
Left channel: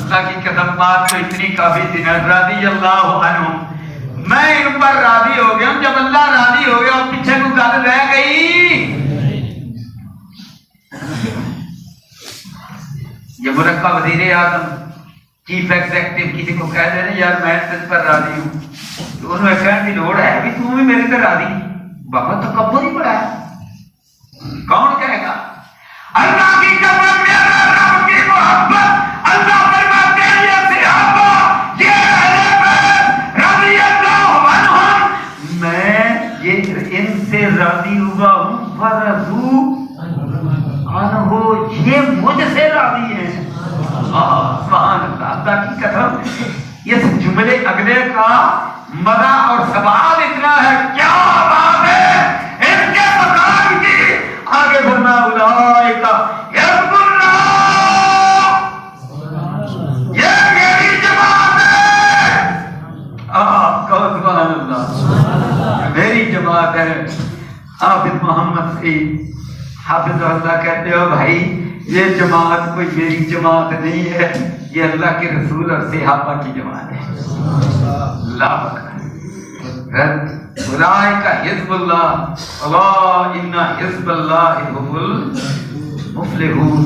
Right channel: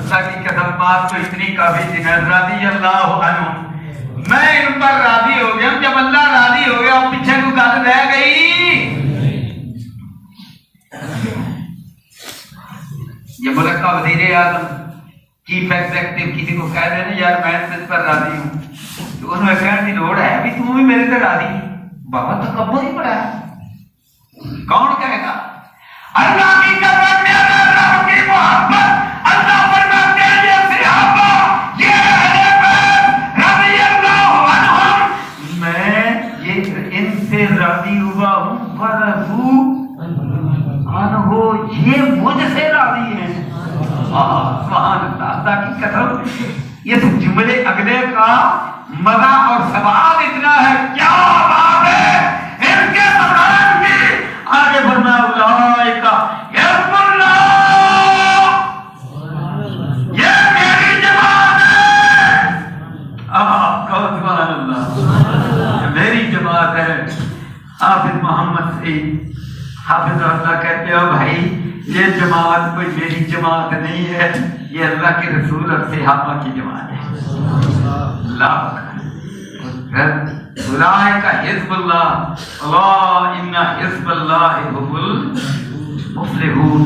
اللہ کی قسم بات تو اتنی کافی تھی نا، رضی اللہ عنہم، میں ان پر راضی ہو گیا۔ جب اللہ راضی ہو گیا پیچھے کو دل رہ گئی۔ یہ ملک کا وزیر اعظم، چیف ایگزیکٹو کسی کو کہہ دے نا یار میں اس پر راضی ہوں، تو انہوں نے کہنے کی لوڑ ہے بھی تم بھی میرے سے راضی نہیں، بابا تو کبو نہیں پڑا ہے، کون کہے گا؟ اللہ کی قسم میرے رب کی محبت، اللہ فرماتے ہیں یہ صحابہ، یہ اہل بیت رضی اللہ عنہم، میں یہ ان سے راضی ہوا ہوں، ورضوا عنہ، یہ مجھ سے راضی ہیں۔ سبحان اللہ کی قسم، اس جملے اگلے کا مزہ اور ثواب اتنا ہے، کیا بات ہے ان کے مقام کی۔ آگے بڑھنا، اولئک حزب اللہ، یہ میری جماعت ہے۔ کہو سبحان اللہ، میری جماعت ہے۔ حافظ محمد سے حافظ اللہ کہتے ہو بھائی یہ جماعت کوئی میری جماعت نہیں ہے، یہ اللہ کے رسول اور صحابہ کی جماعت ہے۔ اللہ اولئک حزب اللہ الا ان حزب اللہ هم المفلحون۔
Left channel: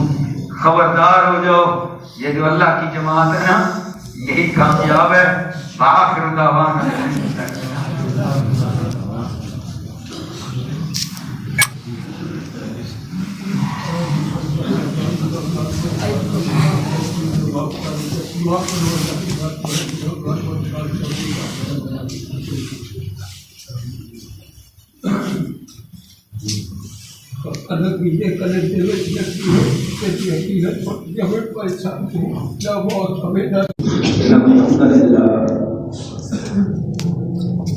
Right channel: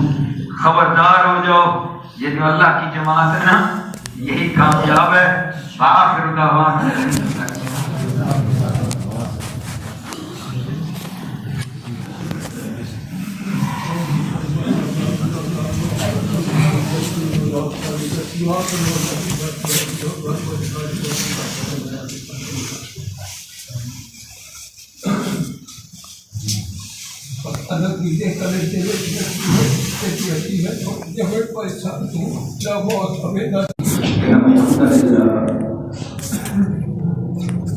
خبردار ہو جاؤ، یہ جو اللہ کی جماعت ہے نا یہی کامیاب ہے۔ وآخر دعوانا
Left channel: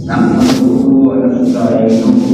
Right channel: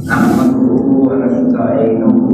نحمده ونستعينه